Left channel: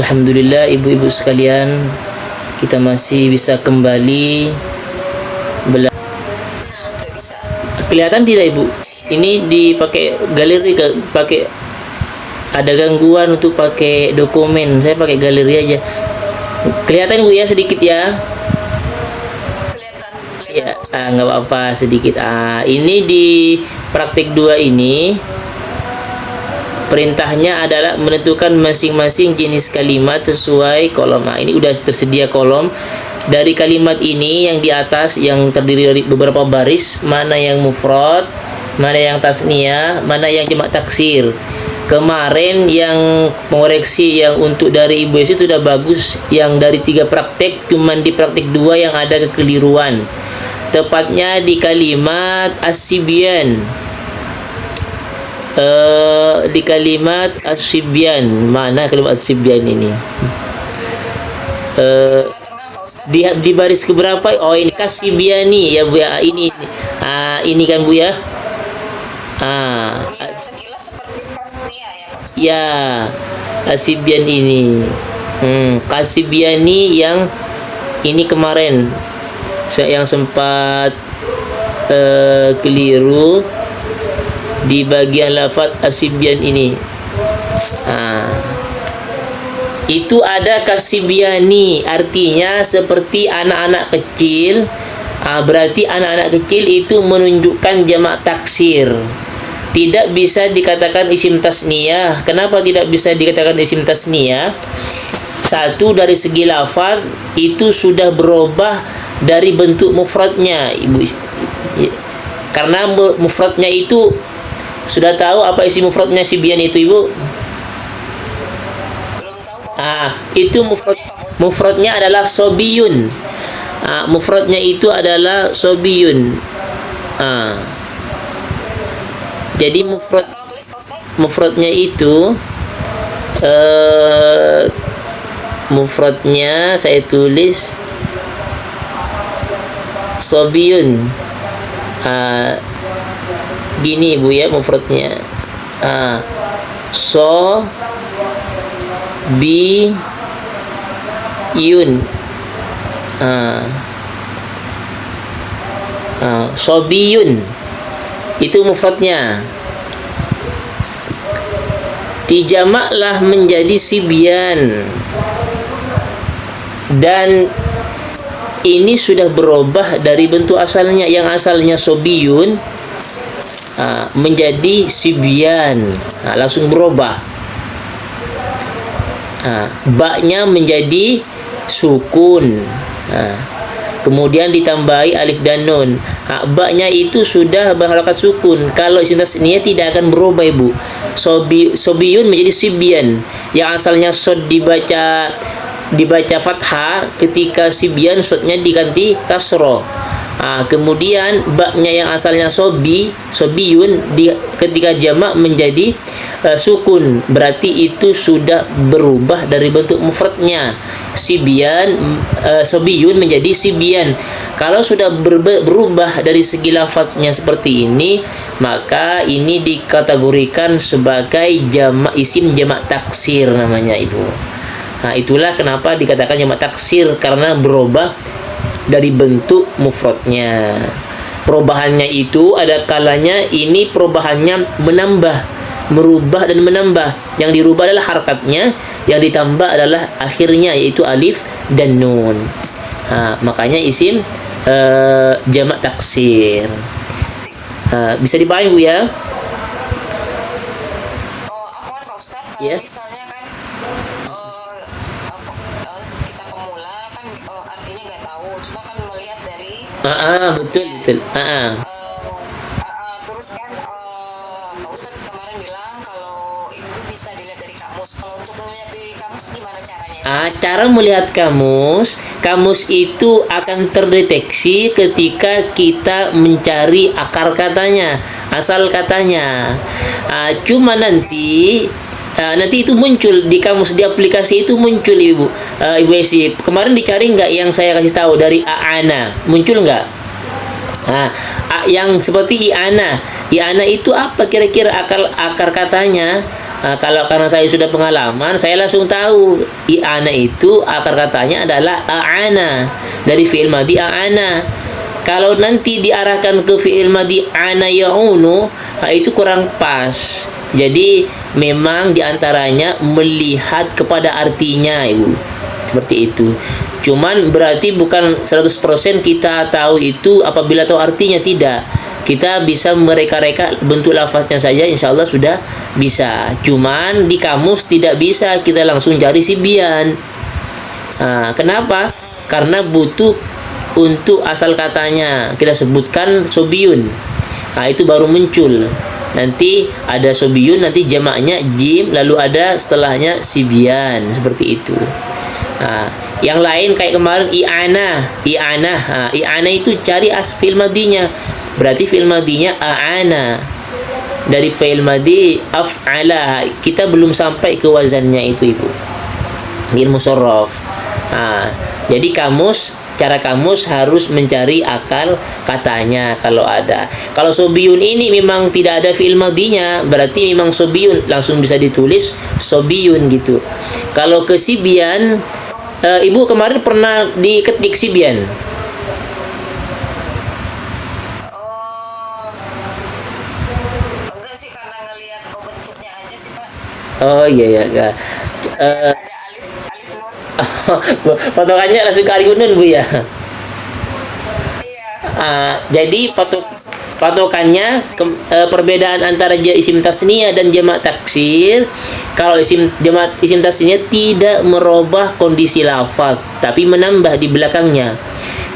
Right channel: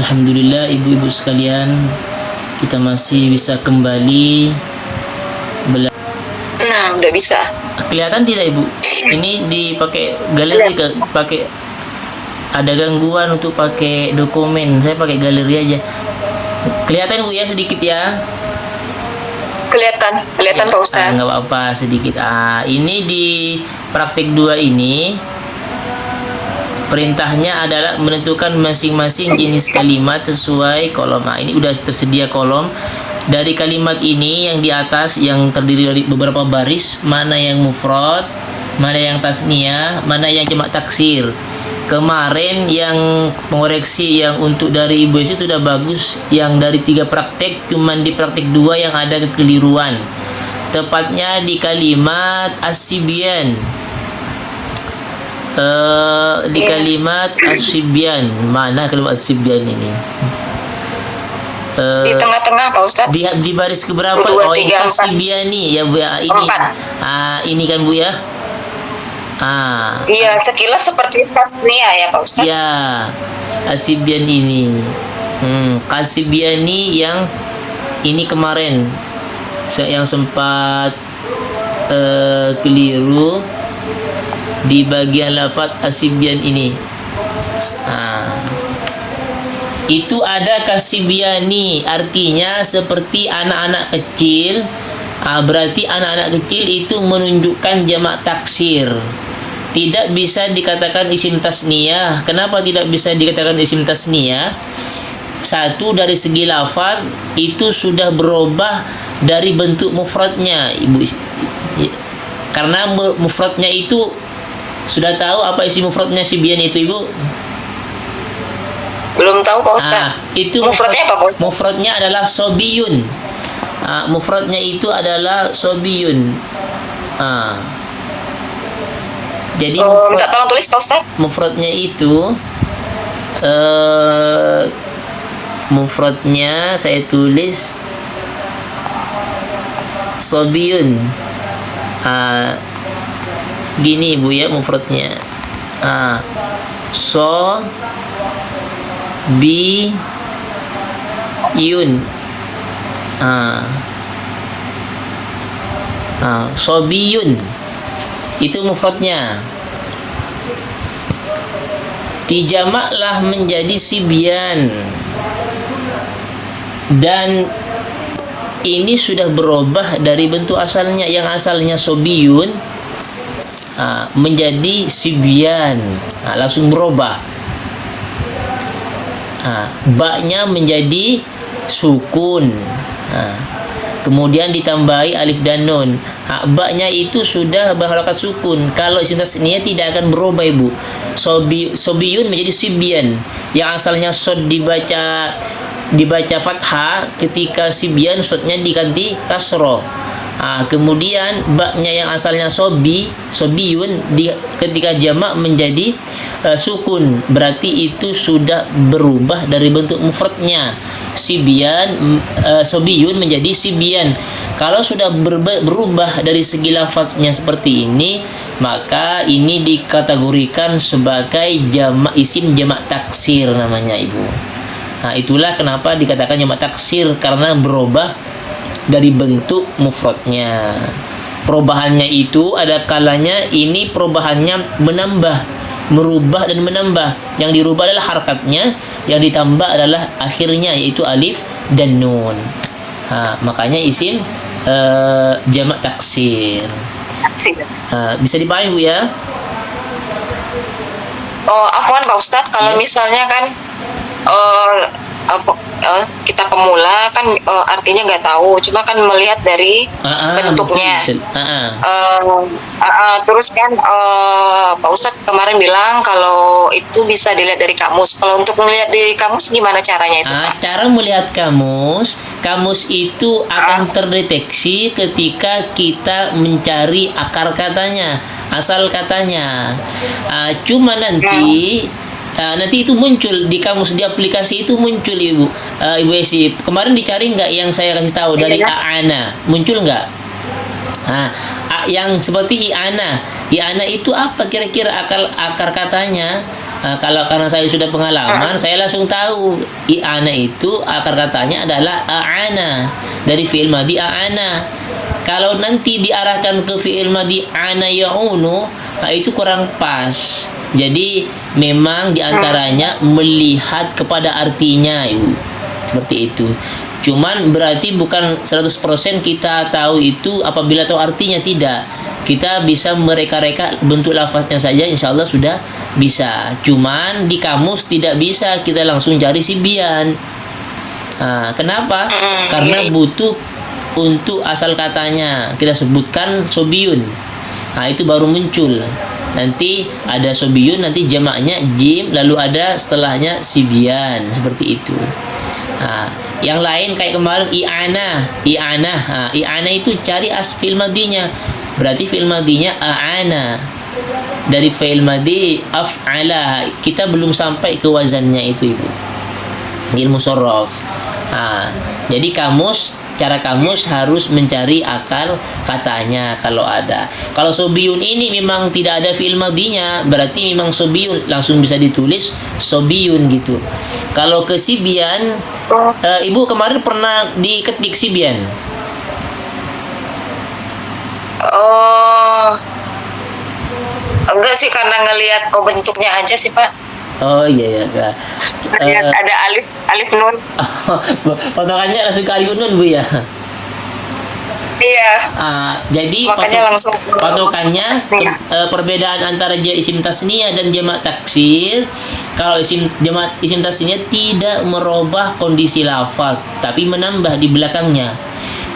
Alhamdulillah ibu-ibu sekalian, kita masih bisa kembali belajar. Nah, udah bisa. Kelihatan tidak ibu? Ini dipakai galeri, pakai ada gangguan untuk pakai dokumen. Saya pakai galeri aja. Kelihatan bu ya sedikit ya? Kelihatan Pak Ustadz. Nggak apa-apa sedikit. Ini di praktik 2 ini perintahnya adalah menentukan masing-masing jenis kalimat sesuai kolom. Ini udah tersedia kolom. Dari kalimat ini yang di atas yang terdiri dari beberapa baris, mana yang mufrad, mana yang tasniyah, mana yang jamak taksir. Kemarin yang pengoreksi yang untuk dari Ibu Esi sudah bagus. Yang dari 3 praktek, cuman di praktek 2 yang ada kekeliruan. Tepatnya di kalimat as-sibyan. Di kalimat as-sibyan. Mana kalimat as-sibyan ini? Di tengah-tengah Pak Ustadz. Di baris keberapa? 2, Oh, ini 3, 4. kasibiani ya Bu ya. Ini. Ini kan Bu ya. Iya, sekilas seperti tasniah ya Pak Ustadz. Ya, Kasibian ini. Kasibiani yang ini kemarin yang sempat keliru di bagian lafaz asibian ini. Itu ada kasibiani, artinya seperti anak-anak kecil. Berarti anak-anak kecil itu menunjukkan jamak taksir. Tidak bisa dikatakan isim tasniyah. Kenapa tidak bisa dikatakan isim tasniyah? Satu, dari segi lafaz itu sudah berubah dari bentuk mufradnya, Ibu. Karena mufradnya itu sudah tahu apa isi mufradnya Sibian itu, Ibu? Belum tahu Pak Ustadz. Itu mufradnya apa, Pak? Mufradnya adalah sobiyun. Mufradnya itu adalah sobiyun. Jadi tolong tulis Pak Ustadz. mufradnya itu mufradnya saya tulis sobiyun. Gini Ibu ya mufradnya. So bi yun. Sobiyun itu mufradnya. Dijamaklah menjadi sibyan, dan ini sudah berubah dari bentuk asalnya. Yang asalnya sobiyun menjadi sibyan, langsung berubah. Baknya menjadi sukun, kemudian ditambahi alif dan nun. Baknya itu sudah berharakat sukun. Kalau isim tasniyah tidak akan berubah Ibu. Sobiyun menjadi sibyan. Yang asalnya sod dibaca fathah, ketika sibyan sodnya diganti kasro. Kemudian baknya yang asalnya sobiyun ketika jamak menjadi sukun. Berarti itu sudah berubah dari bentuk mufradnya. Sobiyun menjadi sibyan. Kalau sudah berubah dari segi lafaznya seperti ini, maka ini dikategorikan sebagai isim jamak taksir namanya Ibu. Itulah kenapa dikatakan jamak taksir, karena berubah dari bentuk mufradnya. Perubahannya itu ada kalanya ini perubahannya merubah dan menambah. Yang dirubah adalah harakatnya, yang ditambah adalah akhirnya, yaitu alif dan nun. Makanya isim jamak taksir. Bisa dipahami Bu ya? Afwan Pak Ustadz, kalau misalnya kan kita pemula kan artinya nggak tahu, cuma kan melihat dari bentuknya. Betul. Terus kan Pak Ustadz kemarin bilang kalau itu bisa dilihat dari kamus. Kalau untuk melihat dari kamus gimana caranya itu? Cara melihat kamus itu akan terdeteksi ketika kita mencari akar katanya, asal katanya. Cuma nanti itu muncul di kamus, di aplikasi itu muncul Ibu Esi. Kemarin dicari nggak yang saya kasih tahu dari Aana, muncul nggak? Yang seperti Iana itu apa kira-kira akar katanya? Kalau karena saya sudah pengalaman, saya langsung tahu i'ana itu akar katanya adalah a'ana, dari fi'il madhi a'ana. Kalau nanti diarahkan ke fi'il madhi ana ya'unu, itu kurang pas. Jadi memang diantaranya melihat kepada artinya, Ibu. Seperti itu. Cuman berarti bukan 100% kita tahu itu apabila tahu artinya, tidak. Kita bisa mereka-reka bentuk lafaznya saja, insya Allah sudah bisa. Cuman di kamus tidak bisa kita langsung cari sibian. Kenapa? Karena butuh untuk asal katanya. Kita sebutkan sobiyun. Itu baru muncul. Nanti ada sobiyun, nanti jamaknya jim, lalu ada setelahnya sibian, seperti itu. Yang lain kayak kemarin i'ana itu cari fi'il madinya. Berarti fi'il madinya a'ana. Dari fi'il madi af'ala. Kita belum sampai ke wazannya itu, Ibu. Ilmu sorof. Jadi cara kamus harus mencari akal katanya kalau ada. Kalau sobiyun ini memang tidak ada fi'il madinya, berarti memang sobiyun, langsung bisa ditulis sobiyun gitu. Kalau ke sibian, Ibu kemarin pernah diketik sibian? Oh, enggak sih, karena ngelihat bentuknya aja sih, Pak. Oh iya ya. Lihat ada alif nun. Potongannya langsung ke alif nun, Bu ya. Iya. Jadi Makanya langsung patokannya perbedaan antara isim tasniyah dan jamak taksir. Kalau jamak isim tasniyah tidak merubah kondisi lafaz, tapi menambah di belakangnya.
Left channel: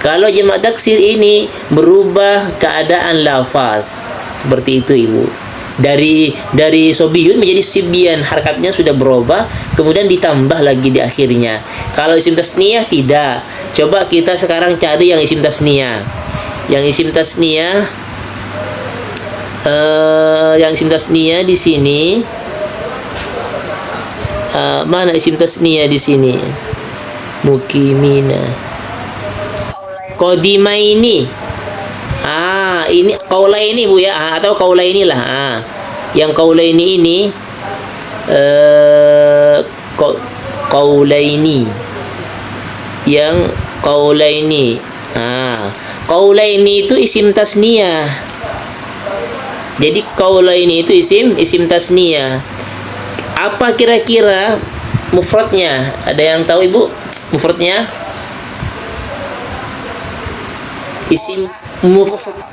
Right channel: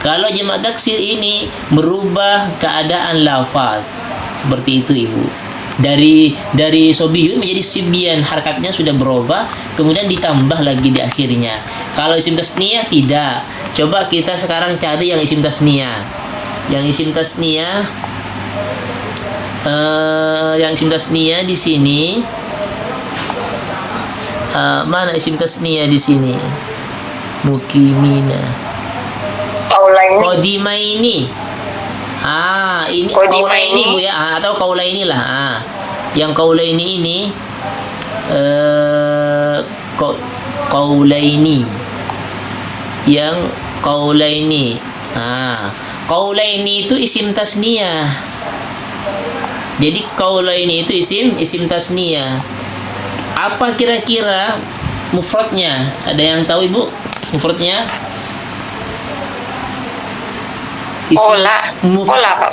Kalau jamak taksir ini merubah keadaan lafaz. Seperti itu, Ibu. Dari sobiyun menjadi sibyan, harakatnya sudah berubah, kemudian ditambah lagi di akhirnya. Kalau isim tasniyah tidak. Coba kita sekarang cari yang isim tasniyah. Yang isim tasniyah di sini. Mana isim tasniyah di sini? Mukimina. Qadimaini. Ini qaulaini, Bu ya, atau qaulaini lah. Yang qaulaini ini qaulaini. Yang qaulaini. Qaulaini itu isim tasniyah. Jadi qaulaini itu isim tasniyah. Apa kira-kira mufradnya? Ada yang tahu, Ibu? Mufradnya?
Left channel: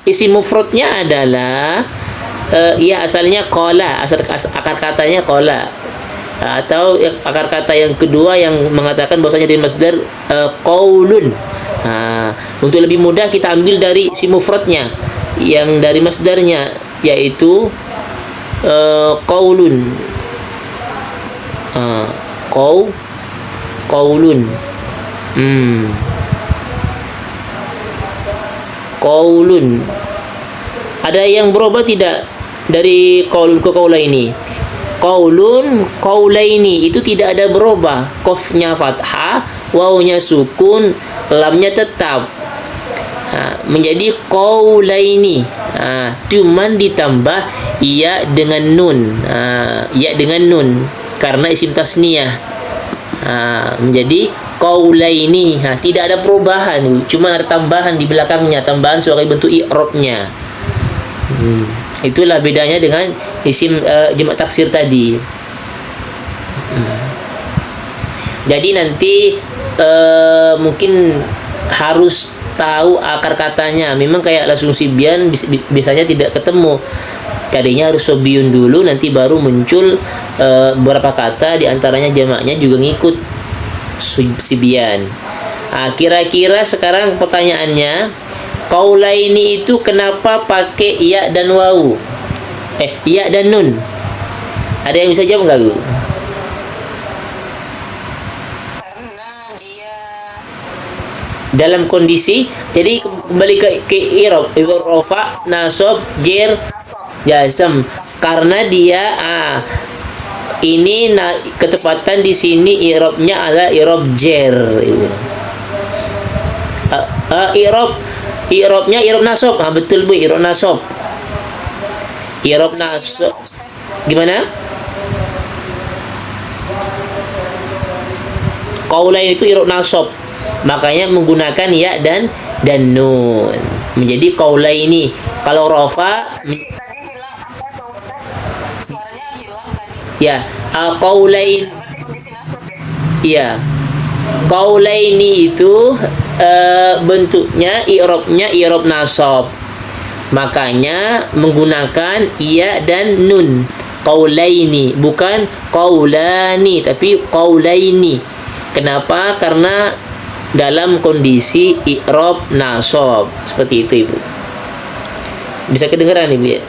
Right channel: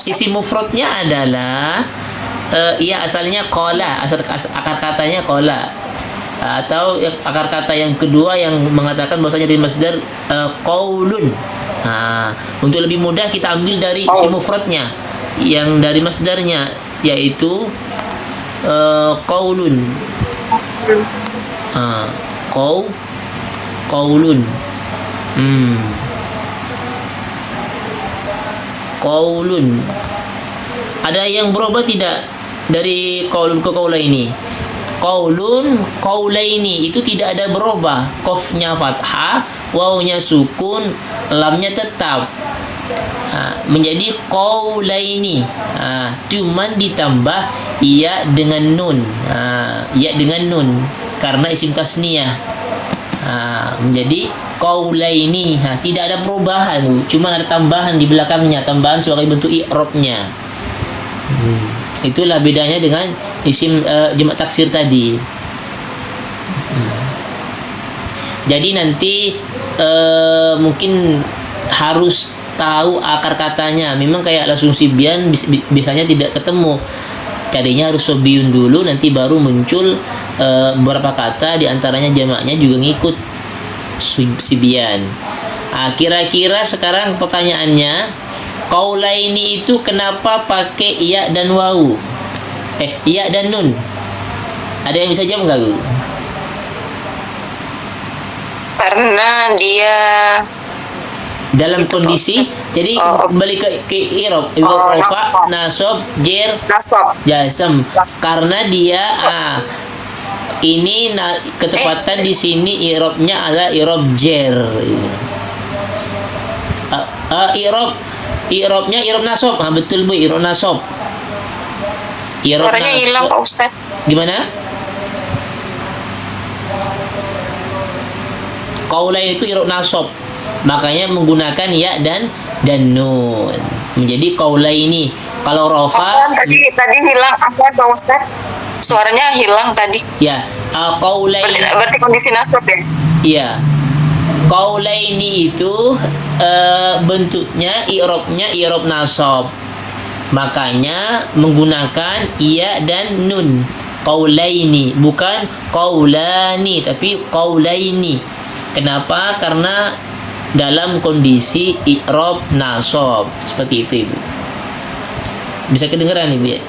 Isim mufradnya adalah asalnya qala, akar katanya qala. Atau akar kata yang kedua yang mengatakan bahwasanya dari masdar qaulun. Untuk lebih mudah kita ambil dari isim mufradnya yang dari masdarnya, yaitu qaulun. Qaulun. Qaulun. Ada yang berubah tidak dari qaulun ke qaulaini? Qaulun, qaulaini itu tidak ada berubah. Qafnya fathah, wawnya sukun, lamnya tetap. Menjadi qaulaini. Cuman ditambah iya dengan nun. Iya dengan nun karena isim tasniyah. Menjadi qaulaini. Tidak ada perubahan, cuma ada tambahan di belakangnya, tambahan sebagai bentuk i'rabnya. Itulah bedanya dengan isim jamak taksir tadi. Jadi nanti mungkin harus tahu akar katanya. Memang kayak langsung sibyan biasanya tidak ketemu. Tadinya harus sobiyun dulu, nanti baru muncul beberapa kata, diantaranya jamaknya juga ngikut sibyan. Kira-kira sekarang pertanyaannya, qaulaini itu kenapa pakai ya dan wawu? Ya dan nun. Ada yang bisa jawab nggak, Bu? Karena dia dalam kondisi, jadi kembali ke i'rab, rafa, nasab, jer, jazm. Karena dia ini ketepatan di sini i'rabnya adalah i'rab jer. I'rabnya i'rab nasab. Betul, Bu, i'rab nasab. I'rab nasab. hilang, Pak Ustaz. Gimana? qaulain itu i'rab nasab. Makanya menggunakan ya dan nun. Menjadi qaulaini. Kalau rafa Tadi hilang apa Pak Ustaz? Suaranya hilang tadi. ya qaulain. Berarti kondisi nasab ya? Iya. Qaulaini itu bentuknya i'rabnya i'rab nasab. Makanya menggunakan iya dan nun. Qaulaini, bukan qaulani tapi qaulaini. Kenapa? Karena dalam kondisi i'rab nasab. Seperti itu, Ibu. Bisa kedengeran, Ibu ya?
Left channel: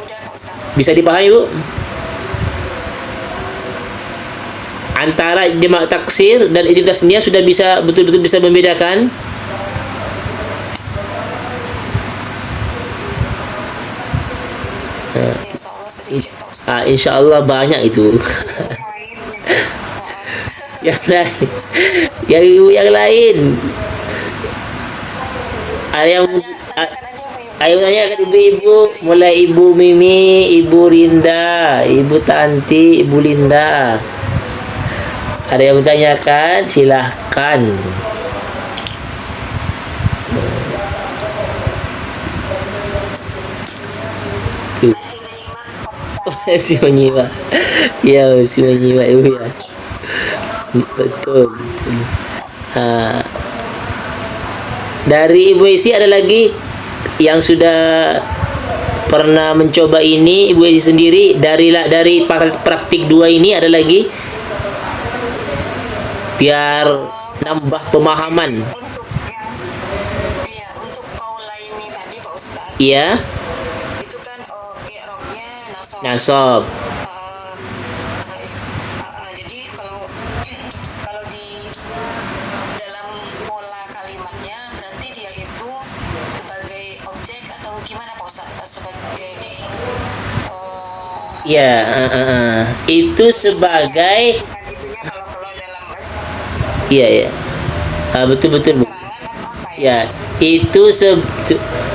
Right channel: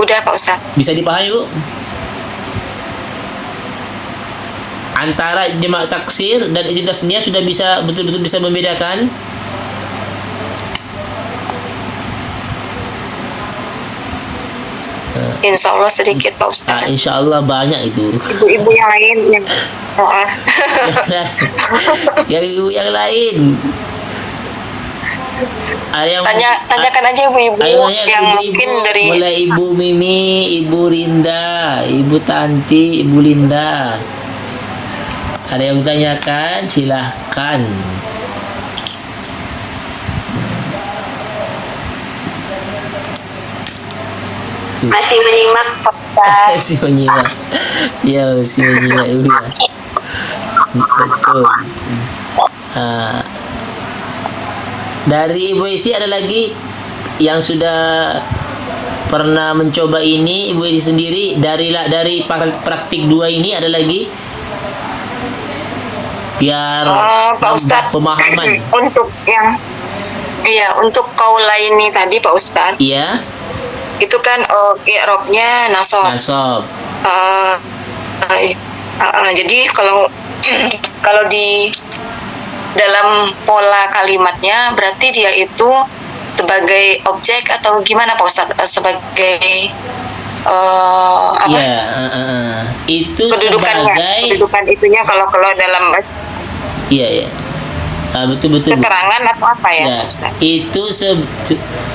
Udah Pak Ustaz. Bisa dipahami, Bu? Antara jamak taksir dan isim tasniyah sudah bisa betul-betul bisa membedakan. Insya Allah sedikit Pak Ustaz. Insya Allah banyak itu. Ibu-ibu yang lain yang Yang lain, yang ibu yang lain. Ada yang tanyakan aja ibu-ibu ayo tanya yang ibu-ibu, mungkin dari mulai Ibu Mimi, Ibu Rinda, Ibu Tanti, Ibu Linda. Ada yang bertanyakan, silahkan. masih menyimak Pak Ustaz. Masih menyimak. Ya, masih menyimak Ibu ya. Betul. Dari Ibu Isi ada lagi yang sudah pernah mencoba ini, Ibu Isi sendiri dari praktik 2 ini ada lagi biar Pak Ustaz, pemahaman. untuk yang untuk qaulaini tadi Pak Ustaz, Iya, itu kan i'rabnya nasab. nasab. Jadi kalau kalau di dalam pola kalimatnya berarti dia itu sebagai objek atau gimana Pak Ustaz? Sebagai apa? Iya, itu sebagai Kedudukan itunya kalau dalam iya. Betul. keterangan atau apa ya? Ya, Ustaz? itu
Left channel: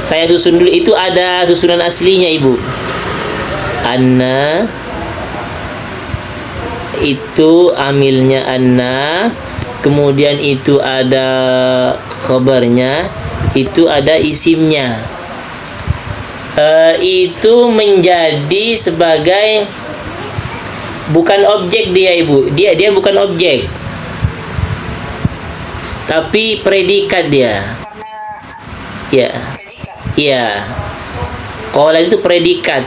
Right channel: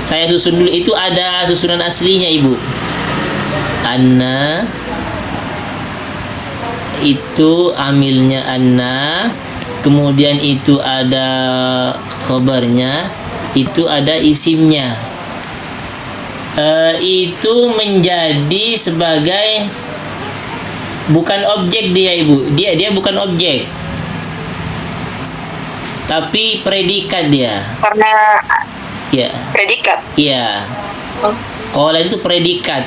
saya susun dulu. Itu ada susunan aslinya, Ibu. Anna itu amilnya anna, kemudian itu ada khabarnya, itu ada isimnya. Itu menjadi sebagai bukan objek dia, Ibu. Dia bukan objek, tapi predikat dia. Karena Ya. predikat. Iya. Qaulain itu predikat.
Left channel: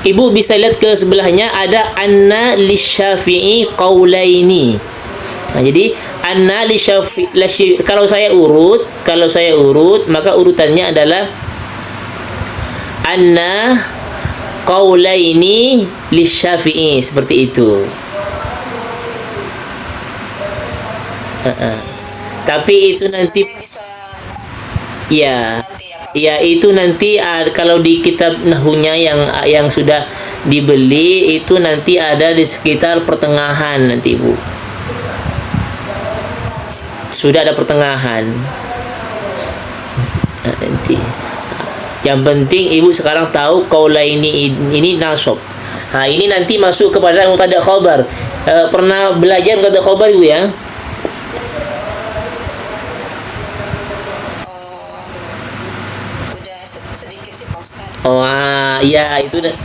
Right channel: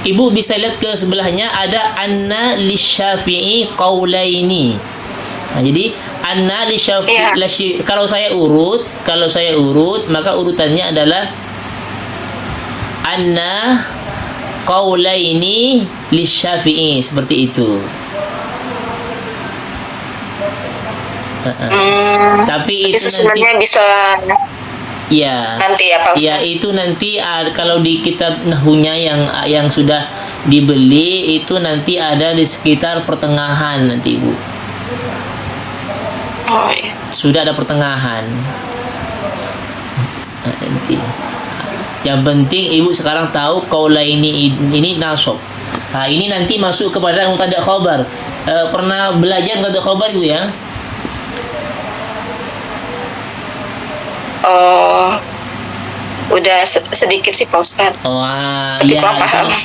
Ibu bisa lihat ke sebelahnya ada anna lisyafi'i qaulaini. Jadi anna lisyafi'i kalau saya urut maka urutannya adalah anna qaulaini lisyafi'i, seperti itu. Tapi itu nanti bisa ya. nanti ya Pak Ustaz. Ya, itu nanti kalau di kitab nahunya yang sudah dibeli itu nanti ada di sekitar pertengahan nanti, Bu. Oh, iya. Sudah ada pertengahan. Nanti. Yang penting Ibu sekarang tahu qaulaini ini nasab. Ini nanti masuk kepada mubtada khabar. Pernah belajar mubtada khabar, Ibu ya? Udah sedikit sih Pak Ustaz. Iya,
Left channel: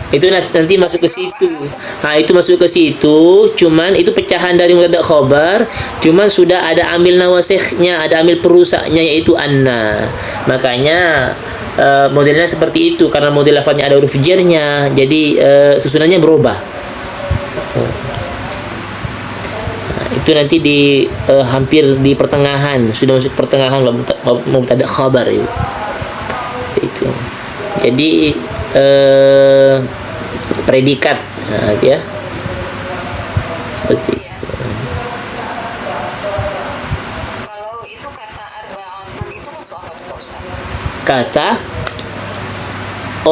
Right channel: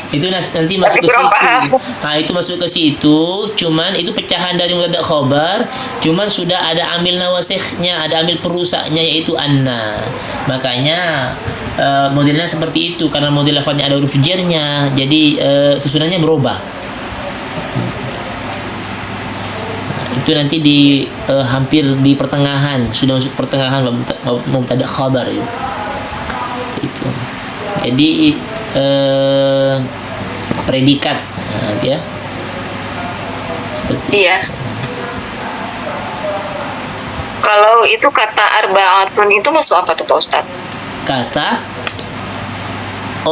itu nanti masuk ke situ. Itu masuk ke situ, cuman itu pecahan dari mubtada khabar, cuman sudah ada amil nawasikhnya, ada amil perusaknya yaitu anna. Makanya modelnya seperti itu karena model lafadznya ada huruf jarnya, jadi susunannya berubah. Itu nanti di hampir di pertengahan, sudah masuk pertengahan mubtada khabar itu. Itu. Jadi predikat ya. Seperti iya. Kalau itu kata arba'atun itu masuk apa tuh Pak Ustaz? Kata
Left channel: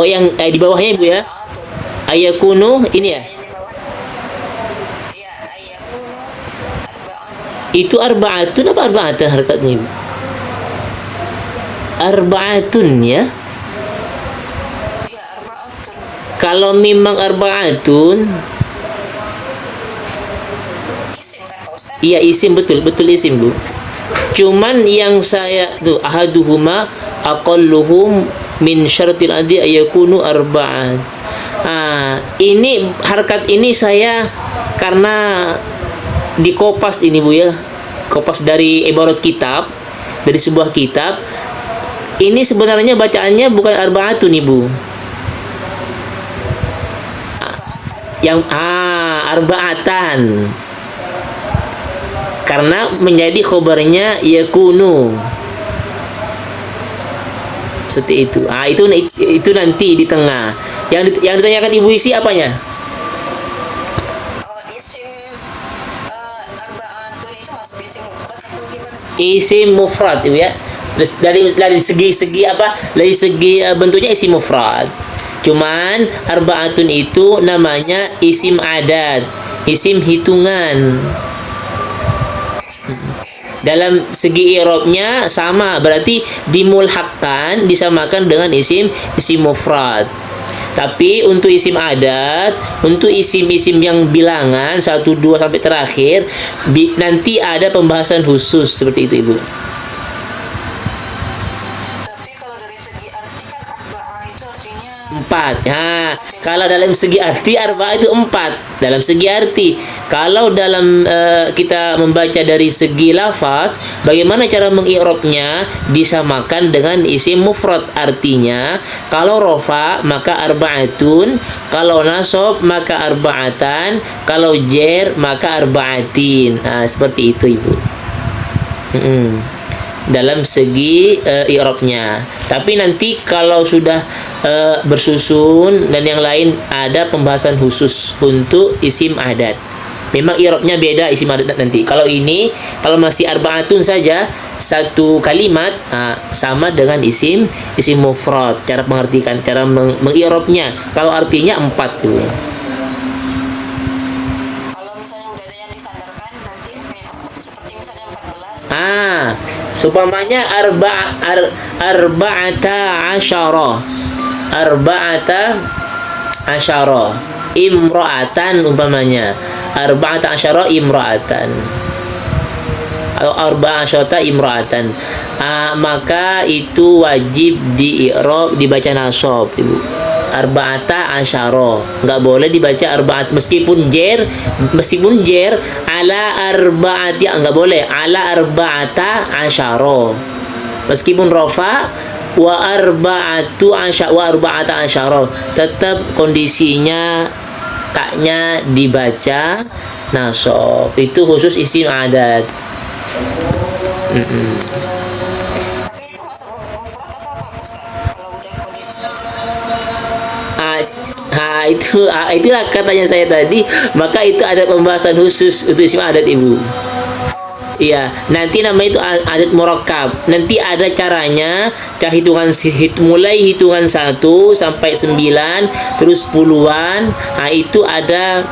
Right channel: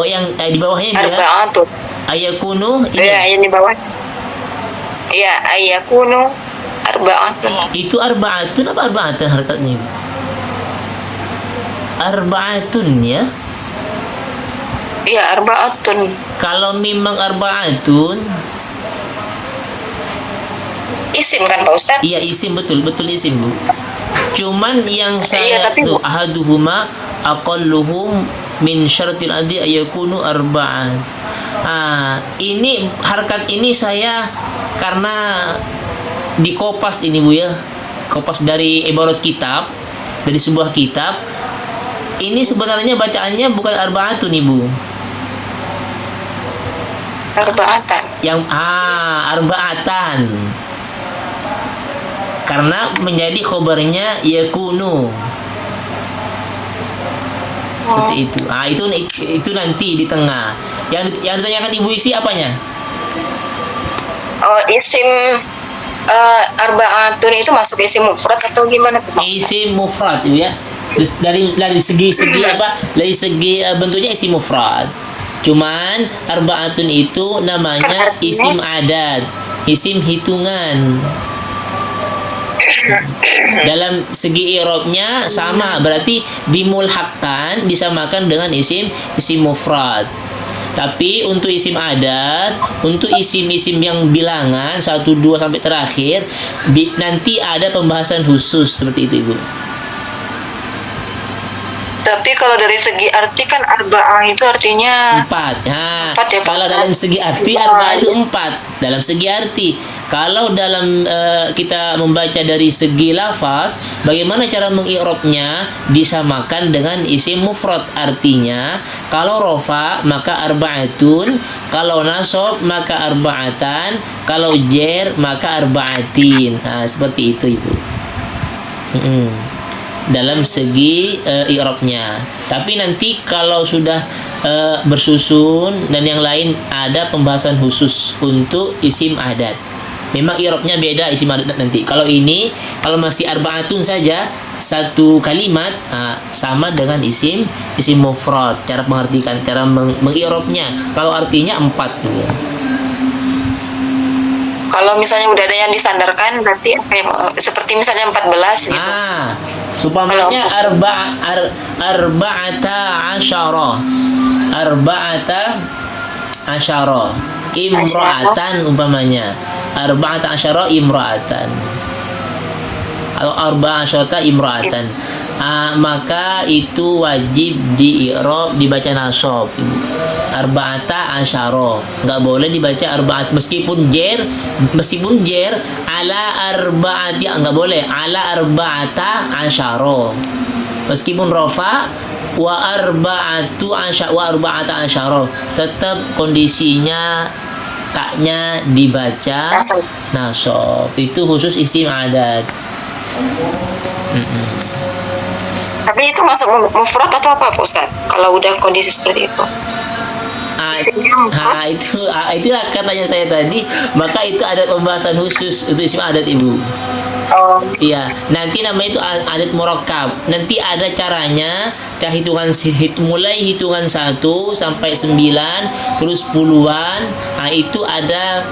yang di bawahnya, Ibu ya. Arba'atun. Ayakunu ini. Iya, yang di bawah. Iya, ayakunu arba'atun. Itu arba'atun apa arba'atan harakatnya, Ibu? Arba'atun ya. Iya, arbaatun. Kalau memang arbaatun, Isim kan Pak Ustadz? iya isim, betul betul isim Bu. Cuman yang saya tapi tuh ahaduhuma aqalluhum min syaratil adi ayakunu arba'at. Ini harkat ini saya karena di kopas ini Bu ya. Kopas dari ibarat kitab, dari sebuah kitab. Ini sebenarnya bacaannya bukan arbaatun Ibu. arbaatan. Yang arbaatan. Karena menjadi khobarnya yakunu. Seperti itu. Itu nanti di tengah. Yang ditanyakan Ibu isi apanya? Oh, isim arbaatun itu masuk isim mufrad atau gimana? Isim mufrad Ibu ya. Dari segi apa? Dari segi bentuknya isim mufrad. Cuman arbaatun itu namanya isim adat, isim hitungan. Dalam segi i'rabnya sama, berarti dimulhaqkan, disamakan dengan isim mufrad. Tapi untuk isim adat, untuk isim-isim yang bilangan 1 2 sampai terakhir, nanti ada pembahasan khusus seperti itu Ibu. Tapi kalau dari segi arti kan arba'ah itu artinya 4. Empat ya, Pak Kalau Ustaz? dalam segi arti arba'ah itu 4. Dalam segi arti. Kalau dalam kita membaca dari segi lafaz, bagaimana cara mengi'rabnya? Disamakan dengan isim mufrad. Artinya, kalau rofa maka arba'atun, kalau nasab maka arba'atan, kalau jer maka arba'atin. Seperti itu Ibu. Dalam segi i'rabnya. Tapi nanti kalau sudah bersusun dan yang lain ada pembahasan khusus untuk isim adat. Memang i'rabnya beda isim adat nanti. Kalau masih arbaatun saja satu kalimat sama dengan isim mufrad. Cara mengartikan, cara mengi'rabnya. Kalau artinya 4 gitu ya. kalau misalnya udah ada yang disandarkan berarti seperti misalnya 14 gitu. Supamanya arba'ata asyara imra'atan umpamanya. Arba'ata asyara imra'atan atau arba'asyata imra'atan. Maka itu wajib di-i'rab, dibaca nasab Ibu. Arba'ata asyara, nggak boleh dibaca arba'at, meskipun jer ala arba'ati, nggak boleh ala arba'ata asyara. Meskipun rofa wa arba'ata asyara, tetap kondisinya kaknya dibaca nasab. Itu khusus isim adat. Tapi itu masuk mufrad atau apa Pak Ustaz? Kalau udah kondisi seperti itu. Itulah katanya saya tadi, maka itu ada pembahasan khusus untuk isim adat Ibu. Iya, nanti namanya itu adat murakkab. Nanti ada caranya, mulai hitungan 1 sampai 9 terus puluhan. Itu ada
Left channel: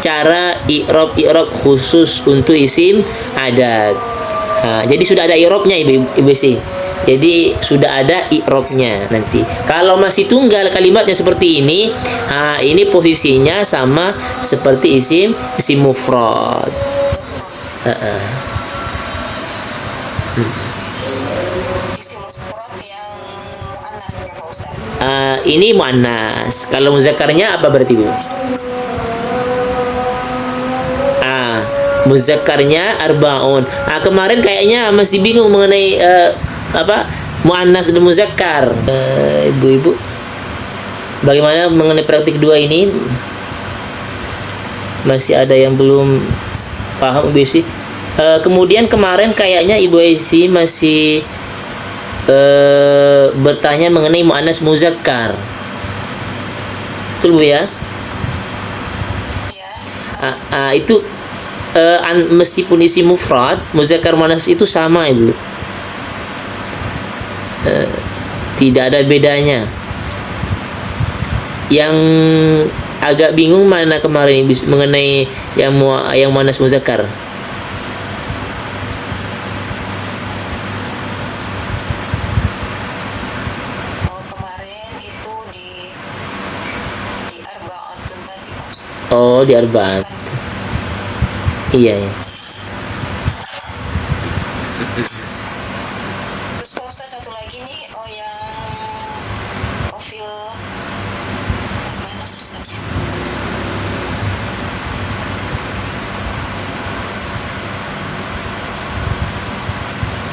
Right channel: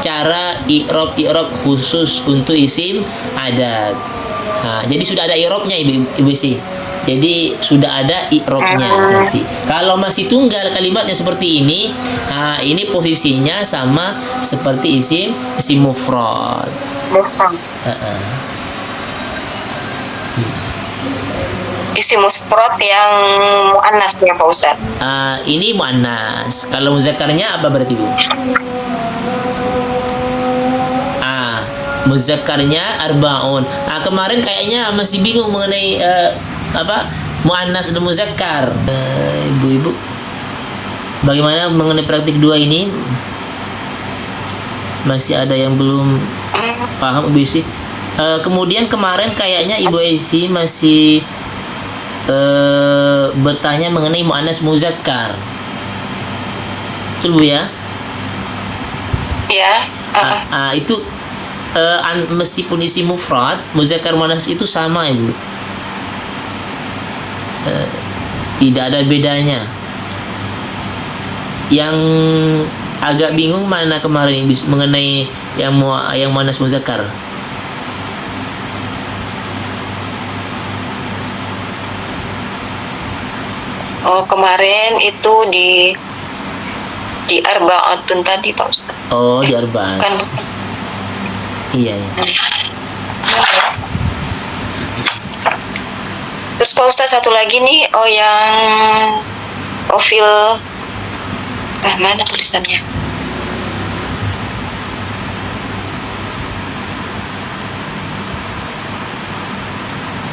cara i'rab khusus untuk isim adat. Jadi sudah ada i'rabnya Ibu sih. Jadi sudah ada i'rabnya nanti. Kalau masih tunggal kalimatnya seperti ini, ini posisinya sama seperti isim mufrad. Isim mufrad yang muannas ya Pak Ustaz. Ini muannas. Kalau muzakkarnya apa berarti Bu? Muzakkarnya arbaun. Kemarin kayaknya masih bingung mengenai muannas dan muzakkar. Ibu-ibu, bagaimana mengenai praktik 2 ini? Masih ada yang belum paham Ibu Esi? Kemudian kemarin kayaknya Ibu Esi masih bertanya mengenai muannas muzakkar. Betul Bu ya? Ya. Itu meskipun isi mufrad, muzakkar muannas itu sama Ibu. Tidak ada bedanya. Yang agak bingung mana kemarin mengenai yang muannas muzakkar? kemarin itu di Arbaatun tadi Pak Ustaz. Oh, di arba'at. Kan Iya, iya. terus Pak Ustaz satu lagi nih, yang fil mana tulisannya?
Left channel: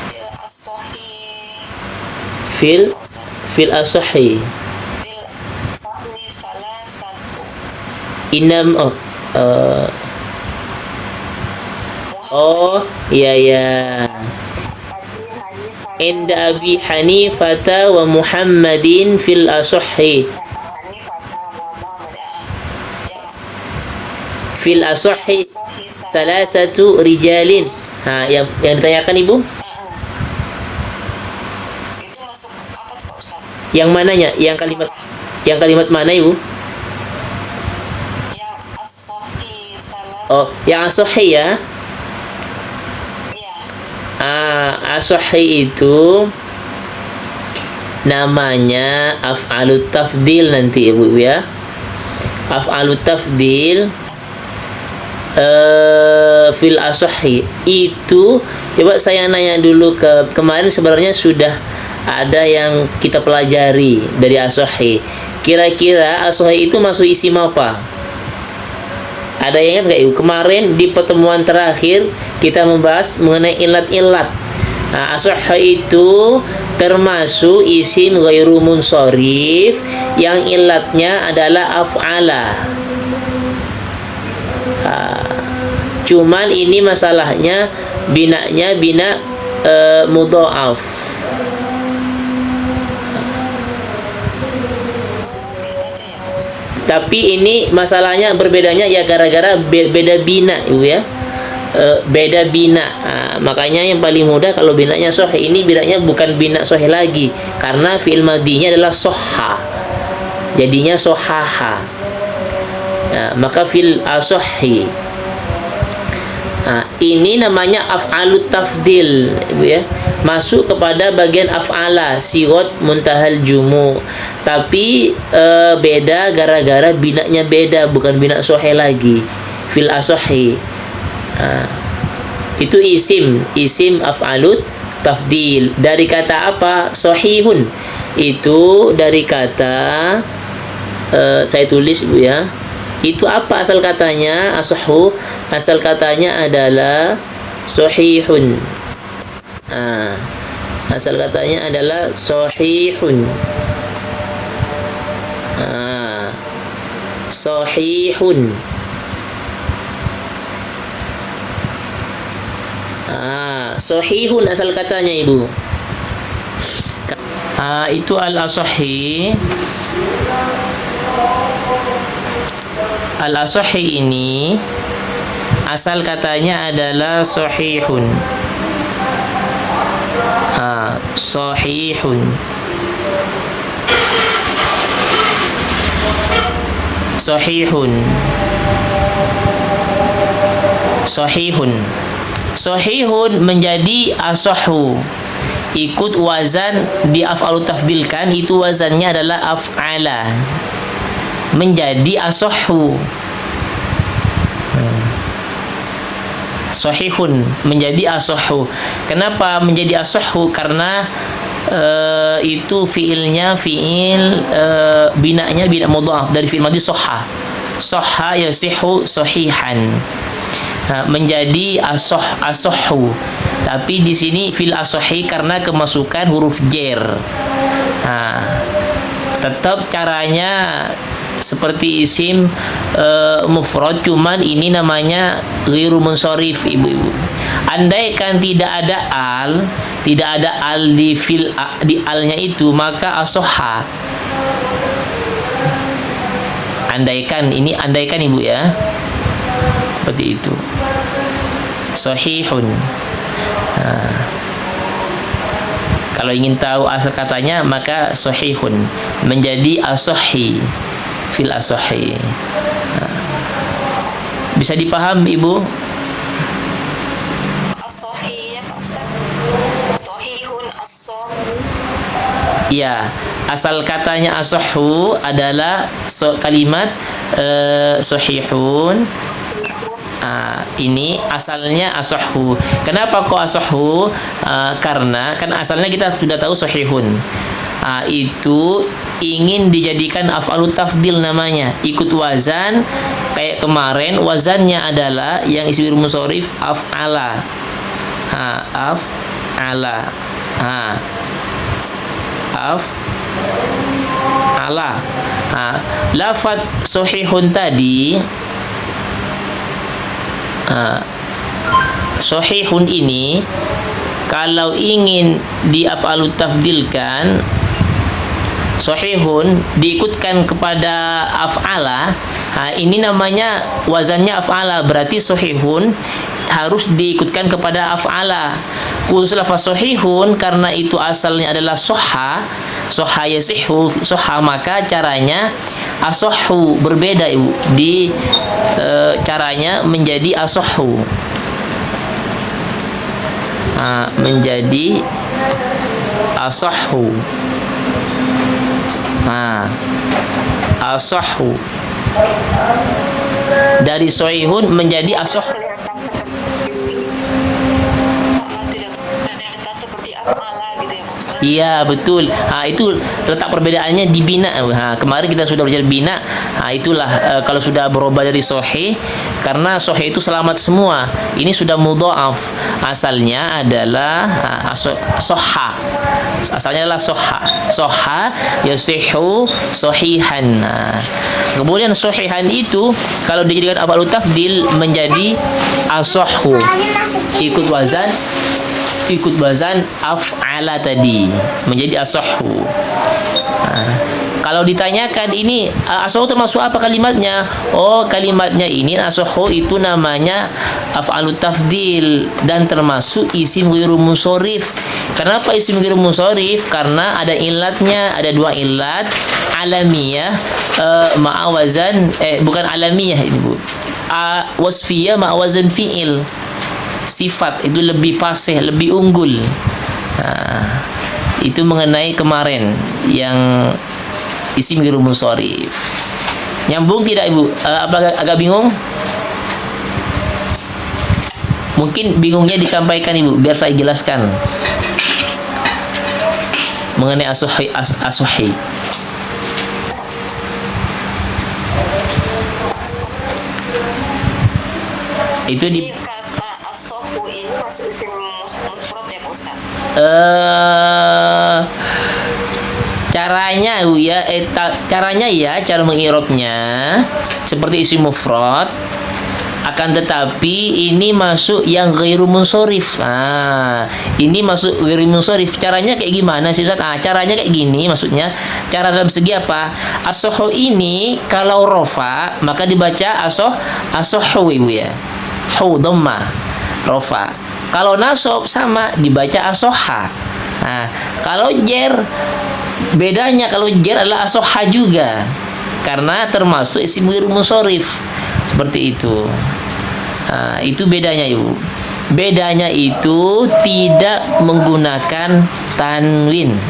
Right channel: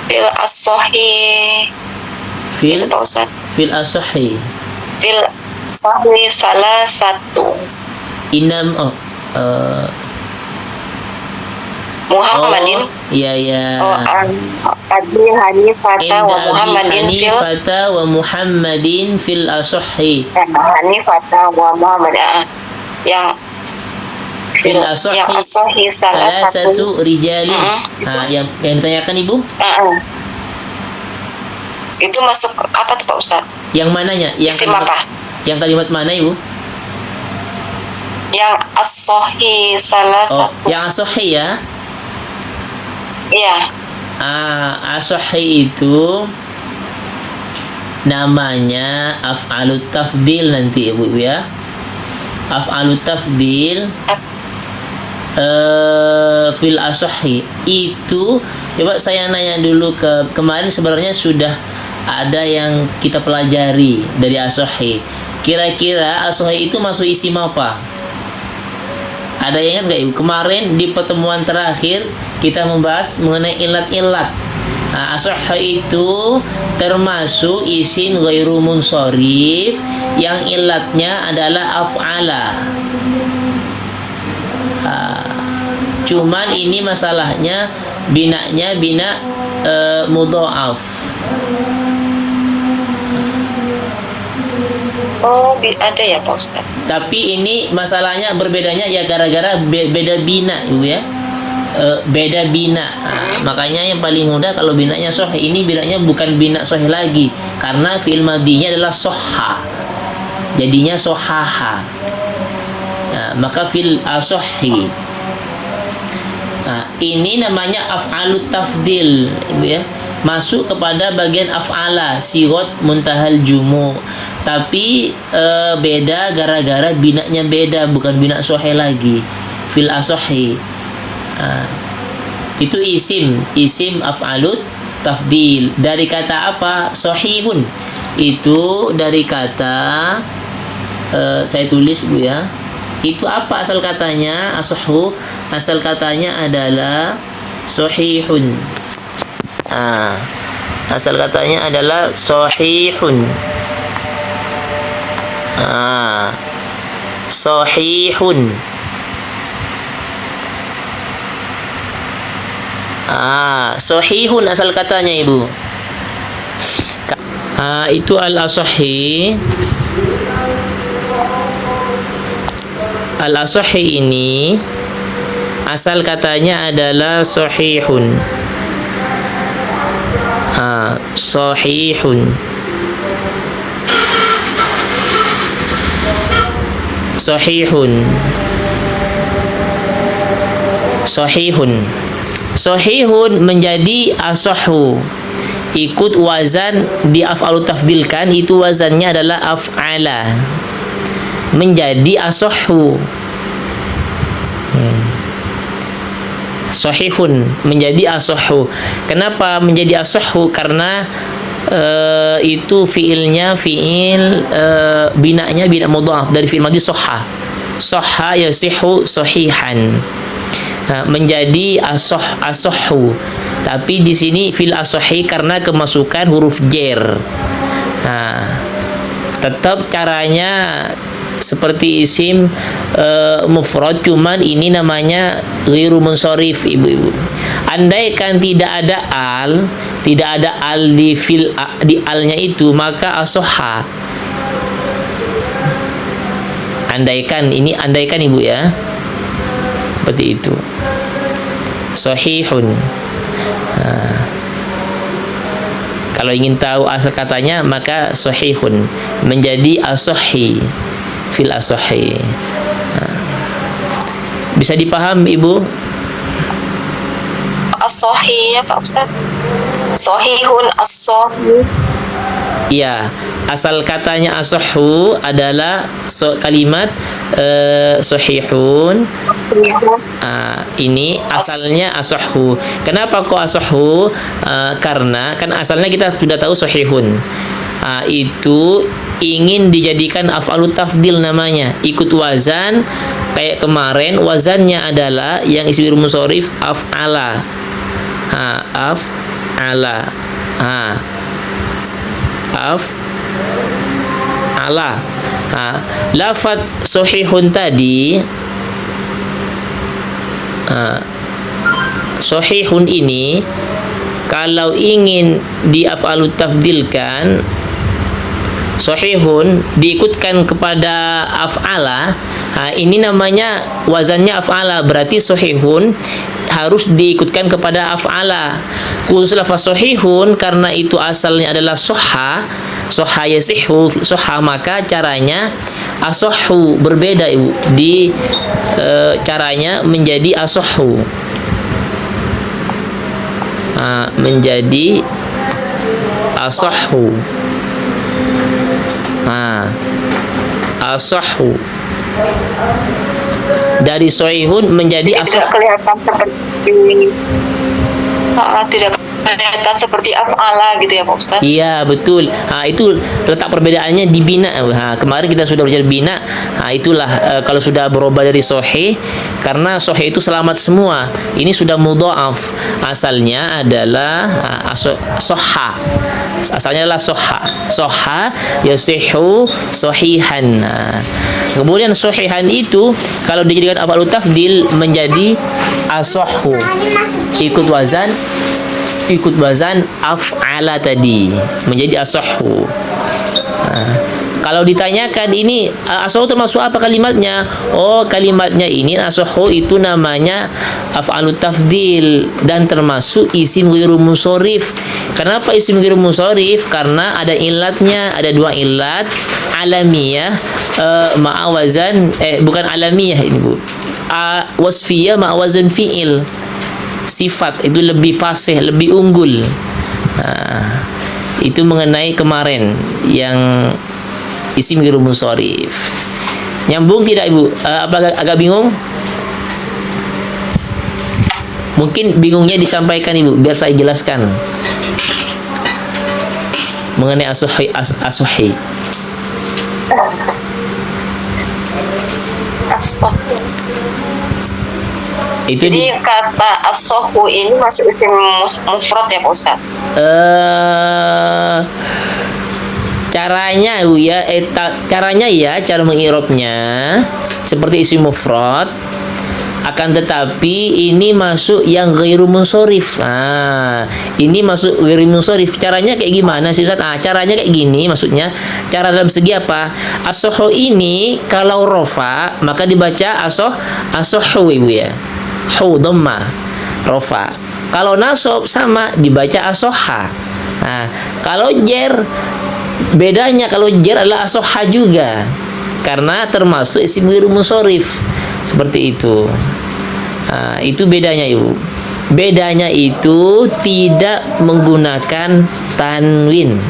Fil as-sahih. Fil Itu Pak Ustaz. fil asahi. Fil sahih salah satu. Inam Muhammadin. iya iya. Abi Hanifata wa Inda Abi Muhammadin fil Hanifata wa Muhammadin fil asahi. Hanifata wa Muhammad, yang Fil asahi yang as-sahih salah satu rijalin. Yang ditanyakan Ibu? Itu masuk apa tuh Pak Ustaz? Yang mananya? Isim apa? Yang kalimat mana Ibu? Yang as-sahih salah Oh, satu. yang asahi ya. Iya. Asahi itu namanya af'alut tafdil nanti Ibu ya. Af'alut tafdil fil asahi itu, coba saya nanya dulu kemarin sebenarnya sudah ada yang kita pelajari dari asahi. Kira-kira asahi itu masuk isim apa? Ada yang ingat nggak Ibu? Kemarin di pertemuan terakhir kita membahas mengenai ilat-ilat. Asahi itu termasuk isim ghairu munsharif yang ilatnya adalah af'ala. Cuman ini masalahnya binanya bina mudha'af. Oh, ada ya Pak Ustaz. Tapi ini masalahnya berbedanya ya gara-gara beda bina Ibu ya. Beda bina. Makanya yang paling mudah kalau binanya sahih, ini binanya bukan bina sahih lagi karena fi'il madinya adalah soha. Jadinya sohaha. Maka fi'il asahhi. Ini namanya af'alut tafdil Ibu ya. Masuk kepada bagian af'ala, sigot muntahal jumu. Tapi beda gara-gara binanya beda, bukan bina sahih lagi. Fil asahhi. Itu isim af'alut tafdil. Dari kata apa? Sahihun. Itu dari kata saya tulis Bu ya. Itu apa asal katanya? Asahhu. Asal katanya adalah sahihun. Asal katanya adalah sahihun. Sahihun. Sahihun asal katanya Ibu. Itu al-asahhi. Al-asahhi ini asal katanya adalah sahihun. Sahihun. Sahihun. Sahihun. Sahihun menjadi asahhu. Ikut wazan di af'alut tafdil kan, itu wazannya adalah af'ala. Menjadi asahhu. Sahihun menjadi asahhu. Kenapa menjadi asahhu? Karena itu fiilnya fiil binanya bina mudhaf dari fiil madhi sahha. Sahha yasihu sahihan. Menjadi asahhu. Tapi di sini fil asahhi karena kemasukan huruf jer. Tetap caranya seperti isim mufrad, cuman ini namanya ghairu munsharif Ibu-ibu. Andaikan tidak ada al di alnya itu, maka asahha. Andaikan Ibu ya. Seperti itu. Sahihun. Kalau ingin tahu asal katanya, maka sahihun menjadi asahhi fil asahhi. Bisa dipaham Ibu? As-sahih ya Pak Ustaz. Sahihun as-sahih. Iya, asal katanya asahhu adalah kalimat sahihun. Ini asalnya asahhu. Kenapa kok asahhu? Karena kan asalnya kita sudah tahu sahihun. Itu ingin dijadikan af'alut tafdil namanya, ikut wazan. Kayak kemarin wazannya adalah yang isi munsharif af'ala. Af'ala. Af'ala. Lafaz sahihun tadi, sahihun ini kalau ingin di af'alut tafdilkan, sahihun diikutkan kepada af'ala, ini namanya wazannya af'ala, berarti sahihun harus diikutkan kepada af'ala. Khusus lafaz sahihun karena itu asalnya adalah soha yasihhu soha, maka caranya asahhu berbeda Ibu. Di caranya menjadi asahhu, menjadi asahhu. Asahhu dari sahihun menjadi asahhu. Kelihatan seperti tidak kelihatan seperti af'ala gitu ya Pak Ustaz. Iya betul. Itu letak perbedaannya di bina. Kemarin kita sudah belajar bina. Itulah kalau sudah berubah dari sahih, karena sahih itu selamat semua. Ini sudah mudha'af. Asalnya adalah soha. Asalnya adalah soha. Soha yasihhu sahihan. Kemudian sahihan itu kalau dijadikan af'alut tafdil menjadi asahhu. Ikut wazan af'ala tadi menjadi asahhu. Kalau ditanyakan ini asahhu termasuk apa kalimatnya? Oh, kalimatnya ini asahhu itu namanya af'alut tafdil dan termasuk isim ghairu munsharif. Kenapa isim ghairu munsharif? Karena ada ilatnya, ada dua ilat, alamiyah ma'awazan bukan alamiyah ini Bu. Wasfiyah ma'awazan fi'il. Sifat itu lebih fasih, lebih unggul. Itu mengenai kemarin yang isim ghairu munsharif. Nyambung tidak Ibu? Apa agak bingung? Mungkin bingungnya disampaikan Ibu biar saya jelaskan mengenai as-sahih. Itu jadi kata as-sahhu ini masuk isim mufrad ya Pak Ustaz? Caranya ya, caranya ya, cara mengirobnya seperti isim mufrad, akan tetapi ini masuk yang ghairu munsharif. Ini masuk ghairu munsharif. Caranya kayak gimana sih Ustaz? Caranya kayak gini, maksudnya cara dalam segi apa? As-sahhu ini kalau rofa maka dibaca as-sahhu Ibu ya. Hu dhamma rofa. Kalau nasab sama dibaca as-sahha. Kalau jer bedanya, kalau jer adalah as-sahha juga karena termasuk isim ghairu munsharif. Seperti itu. Itu bedanya Ibu. Bedanya itu tidak menggunakan tanwin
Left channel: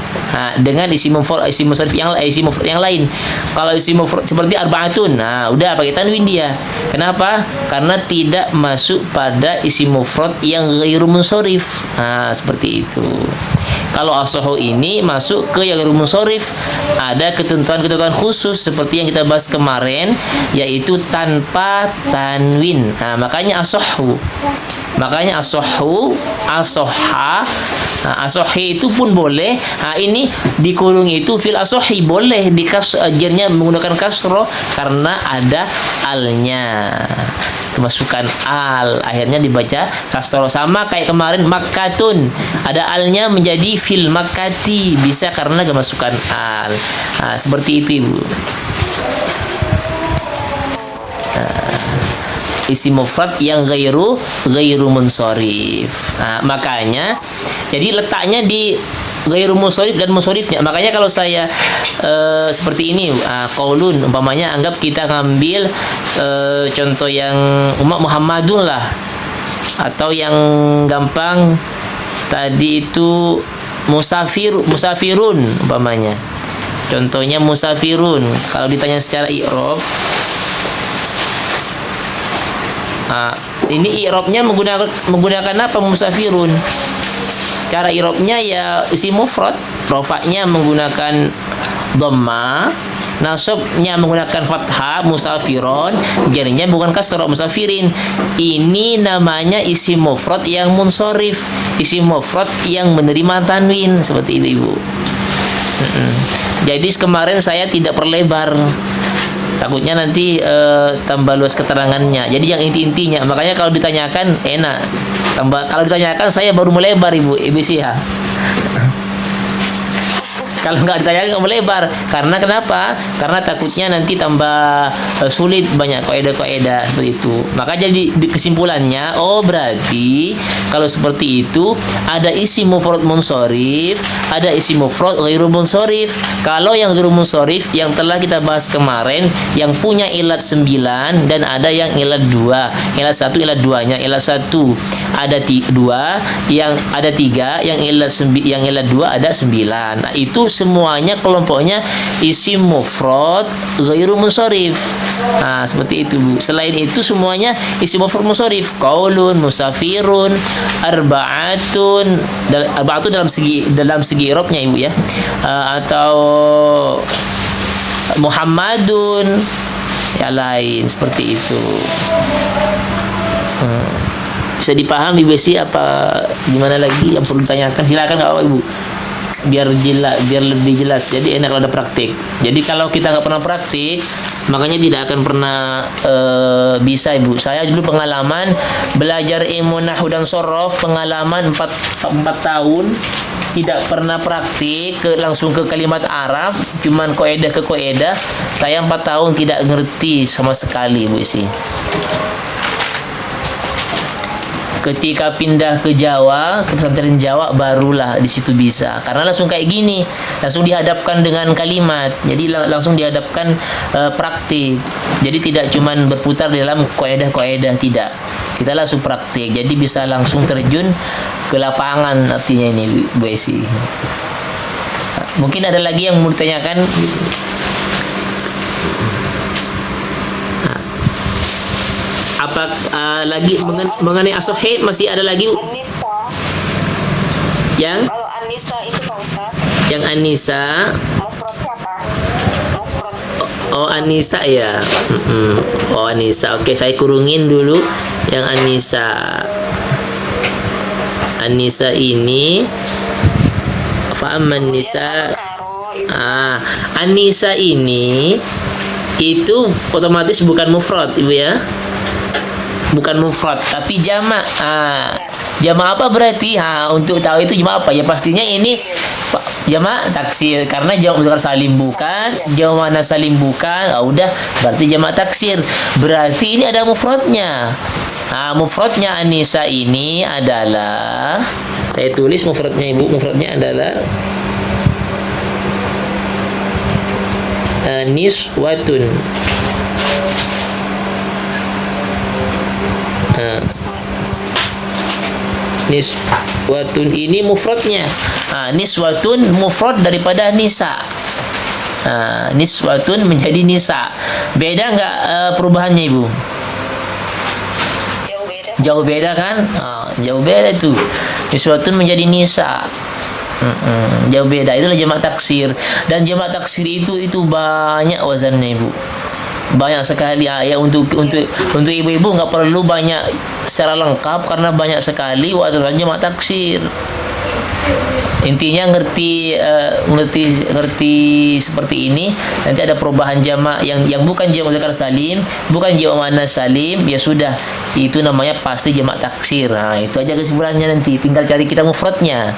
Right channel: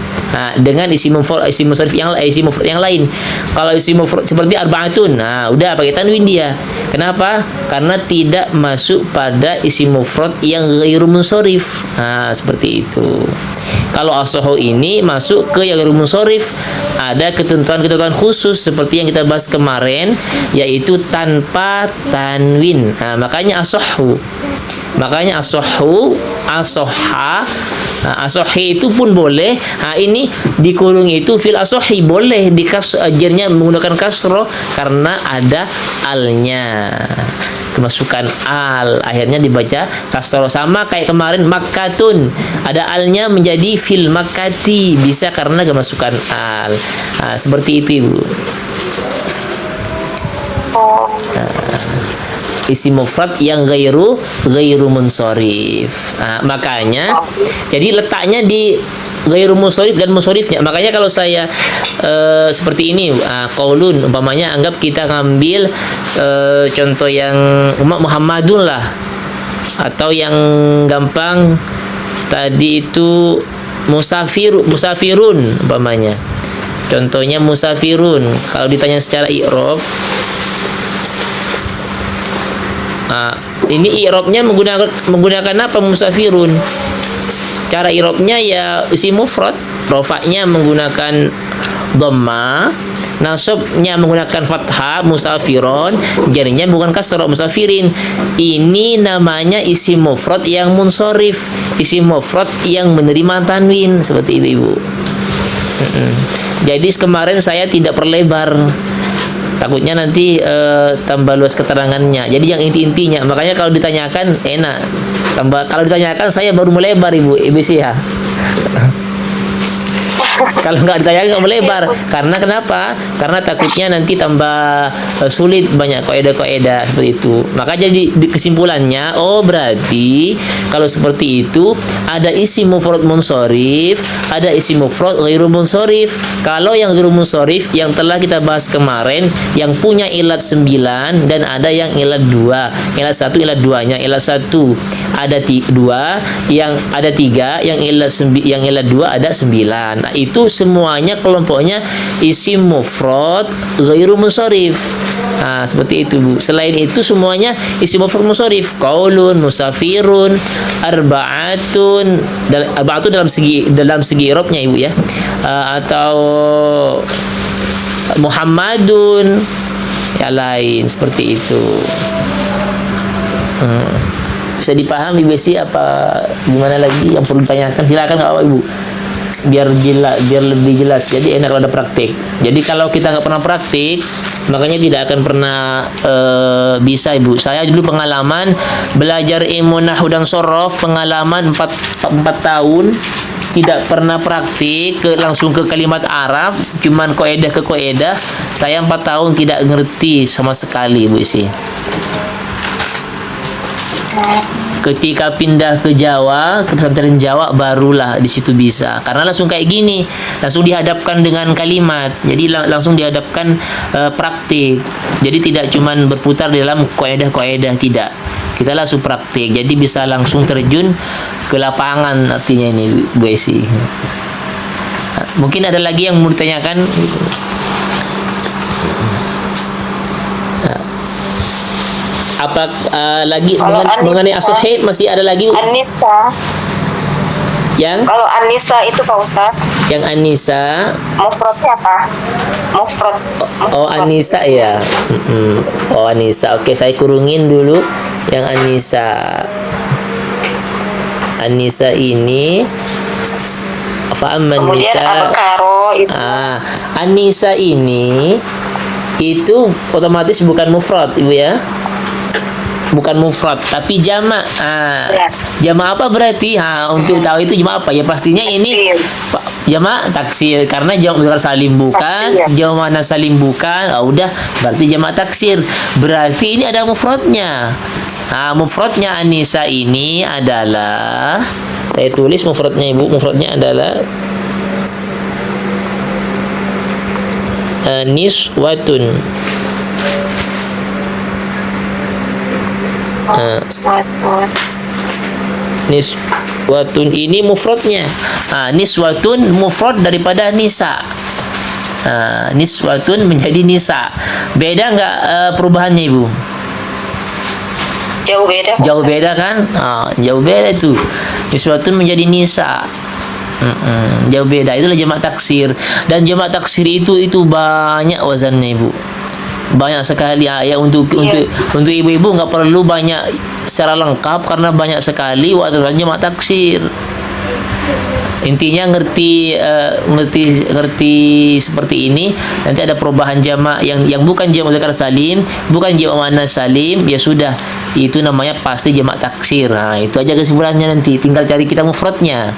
dengan isim munsharif yang lain. Kalau isim mufrad seperti arba'atun, udah pakai tanwin dia. Kenapa? Karena tidak masuk pada isim mufrad yang ghairu munsharif. Seperti itu. Kalau as-sahhu ini masuk ke yang ghairu munsharif, ada ketentuan-ketentuan khusus seperti yang kita bahas kemarin, yaitu tanpa tanwin. Makanya as-sahhu. Makanya as-sahhu, as-sahha, as-sahhi itu pun boleh. Ini dikurung itu fil as-sahhi boleh jernya menggunakan kasroh karena ada alnya. Kemasukan al, akhirnya dibaca kasroh. Sama kayak kemarin makkatun, ada alnya menjadi fil makkati, bisa karena kemasukan al. Seperti itu Ibu. Isim mufrad yang ghairu munsharif. Makanya jadi letaknya di ghairu munsharif dan munsharifnya. Makanya kalau saya seperti ini, qaulun umpamanya, anggap kita ngambil contoh yang Muhammadun lah, atau yang gampang tadi itu musafirun umpamanya. Contohnya musafirun. Kalau ditanya secara i'rab, ini i'rabnya menggunakan apa musafirun? Cara i'rabnya ya isim mufrad, rofaknya menggunakan dhamma, nasabnya menggunakan fathah musafirun, jarnya bukan kasrah musafirin. Ini namanya isim mufrad yang munsharif, isim mufrad yang menerima tanwin, seperti itu Ibu. Jadi kemarin saya tidak perlebar, takutnya nanti tambah luas keterangannya. Jadi yang inti-intinya, makanya kalau ditanyakan enak. Kalau ditanyakan saya baru melebar Ibu, EBC ya. Kalau nggak ditanya nggak melebar. Karena kenapa? Karena takutnya nanti tambah sulit, banyak kaidah-kaidah seperti itu. Maka jadi kesimpulannya, oh berarti kalau seperti itu ada isim mufrad munsharif, ada isim mufrad ghairu munsharif. Kalau yang ghairu munsharif yang telah kita bahas kemarin, yang punya ilat 9 dan ada yang ilat 2. Ilat 1, ilat 2-nya. Ilat 1 ada 2, yang ada 3, yang ilat 2 ada 9. Nah, itu semuanya kelompoknya isim mufrad ghairu munsharif. Nah, seperti itu Bu. Selain itu semuanya isim mufrad munsharif. Qaulun, musafirun, arba'atun. Arba'atun dalam segi i'rabnya Ibu ya. Atau Muhammadun, yang lain seperti itu. Bisa dipahami Ibu sih, apa gimana lagi yang perlu ditanyakan? Silakan nggak apa Ibu, biar lebih jelas. Jadi enak kalau ada praktik. Jadi kalau kita nggak pernah praktik, makanya tidak akan pernah bisa Ibu. Saya dulu pengalaman belajar ilmu nahwu dan shorof, pengalaman 4 tahun, tidak pernah praktik langsung ke kalimat Arab, cuman kaidah ke kaidah. Saya 4 tahun tidak ngerti sama sekali Ibu sih. Ketika pindah ke Jawa, ke pesantren Jawa, barulah di situ bisa. Karena langsung kayak gini, langsung dihadapkan dengan kalimat. Jadi langsung dihadapkan praktik. Jadi tidak cuman berputar di dalam kaidah-kaidah, tidak. Kita langsung praktik. Jadi bisa langsung terjun ke lapangan, artinya ini Bu Esi. Mungkin ada lagi yang mau ditanyakan? Apa lagi mengenai as-sahih masih ada lagi Anissa. yang Kalau Anissa itu Pak Ustaz, yang Anissa, mufradnya apa? Mufrad. oh Anissa ya. Oh Anissa, oke, saya kurungin dulu yang Anissa. Anissa ini fa'amman Kemudian nisa. Al-Karo itu. Anissa ini itu otomatis bukan mufrad Ibu ya. Bukan mufrad tapi jamak. Jamak apa berarti? Untuk tahu itu jamak apa? Ya pastinya ini jamak taksir, karena jamak mudzakkar salim bukan, jamak muannas salim bukan. Udah berarti jamak taksir. Berarti ini ada mufradnya. Mufradnya Anissa ini adalah, saya tulis mufradnya Ibu. Mufradnya adalah niswatun. Niswatun ini mufradnya. Niswatun mufrad daripada nisa. Niswatun menjadi nisa. Beda nggak perubahannya Ibu? Jauh beda. Jauh beda kan? Jauh beda itu. Niswatun menjadi nisa. Jauh beda. Itulah jamak taksir. Dan jamak taksir itu banyak wazannya Ibu. Banyak sekali ya. Untuk ibu-ibu nggak perlu banyak secara lengkap, karena banyak sekali wazan jamak taksir. Intinya ngerti seperti ini. Nanti ada perubahan jamak yang bukan jamak mudzakkar salim, bukan jamak muannas salim, ya sudah, itu namanya pasti jamak taksir. Itu aja kesimpulannya, nanti tinggal cari kita mufradnya.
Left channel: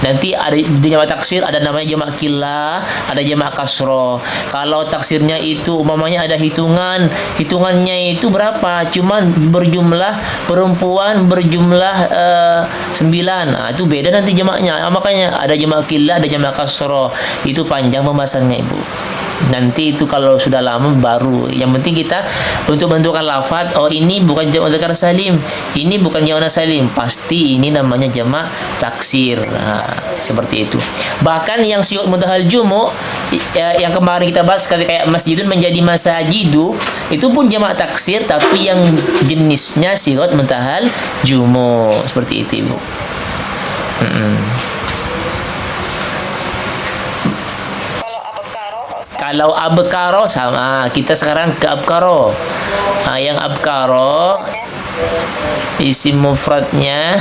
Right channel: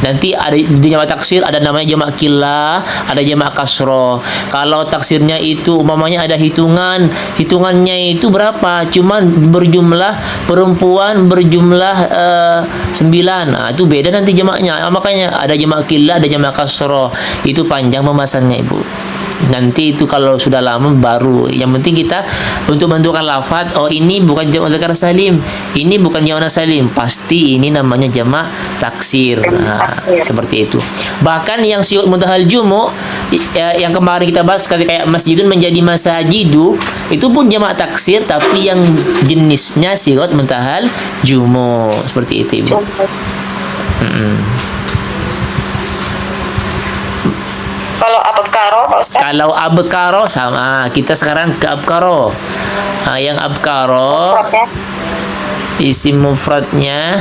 Nanti ada di jamak taksir, ada namanya jamak killah, ada jamak kasroh. Kalau taksirnya itu umpamanya ada hitungannya itu berapa? Cuman berjumlah perempuan berjumlah 9. Itu beda nanti jamaknya. Makanya ada jamak killah, ada jamak kasroh. Itu panjang pembahasannya Ibu. Nanti itu kalau sudah lama baru. Yang penting kita untuk menentukan lafaz, oh ini bukan jamak muzakkar salim, ini bukan jamak salim, pasti ini namanya jamak taksir. Nah, seperti itu. Bahkan yang sigot muntahal jumu yang kemarin kita bahas kayak masjidun menjadi masajidu, itu pun jamak taksir tapi yang jenisnya sigot muntahal jumu. Seperti itu, Ibu. Kalau abkaro, Pak Ustaz? Kalau abkaro sama, kita sekarang ke abkaro. Yang abkaro isim mufradnya,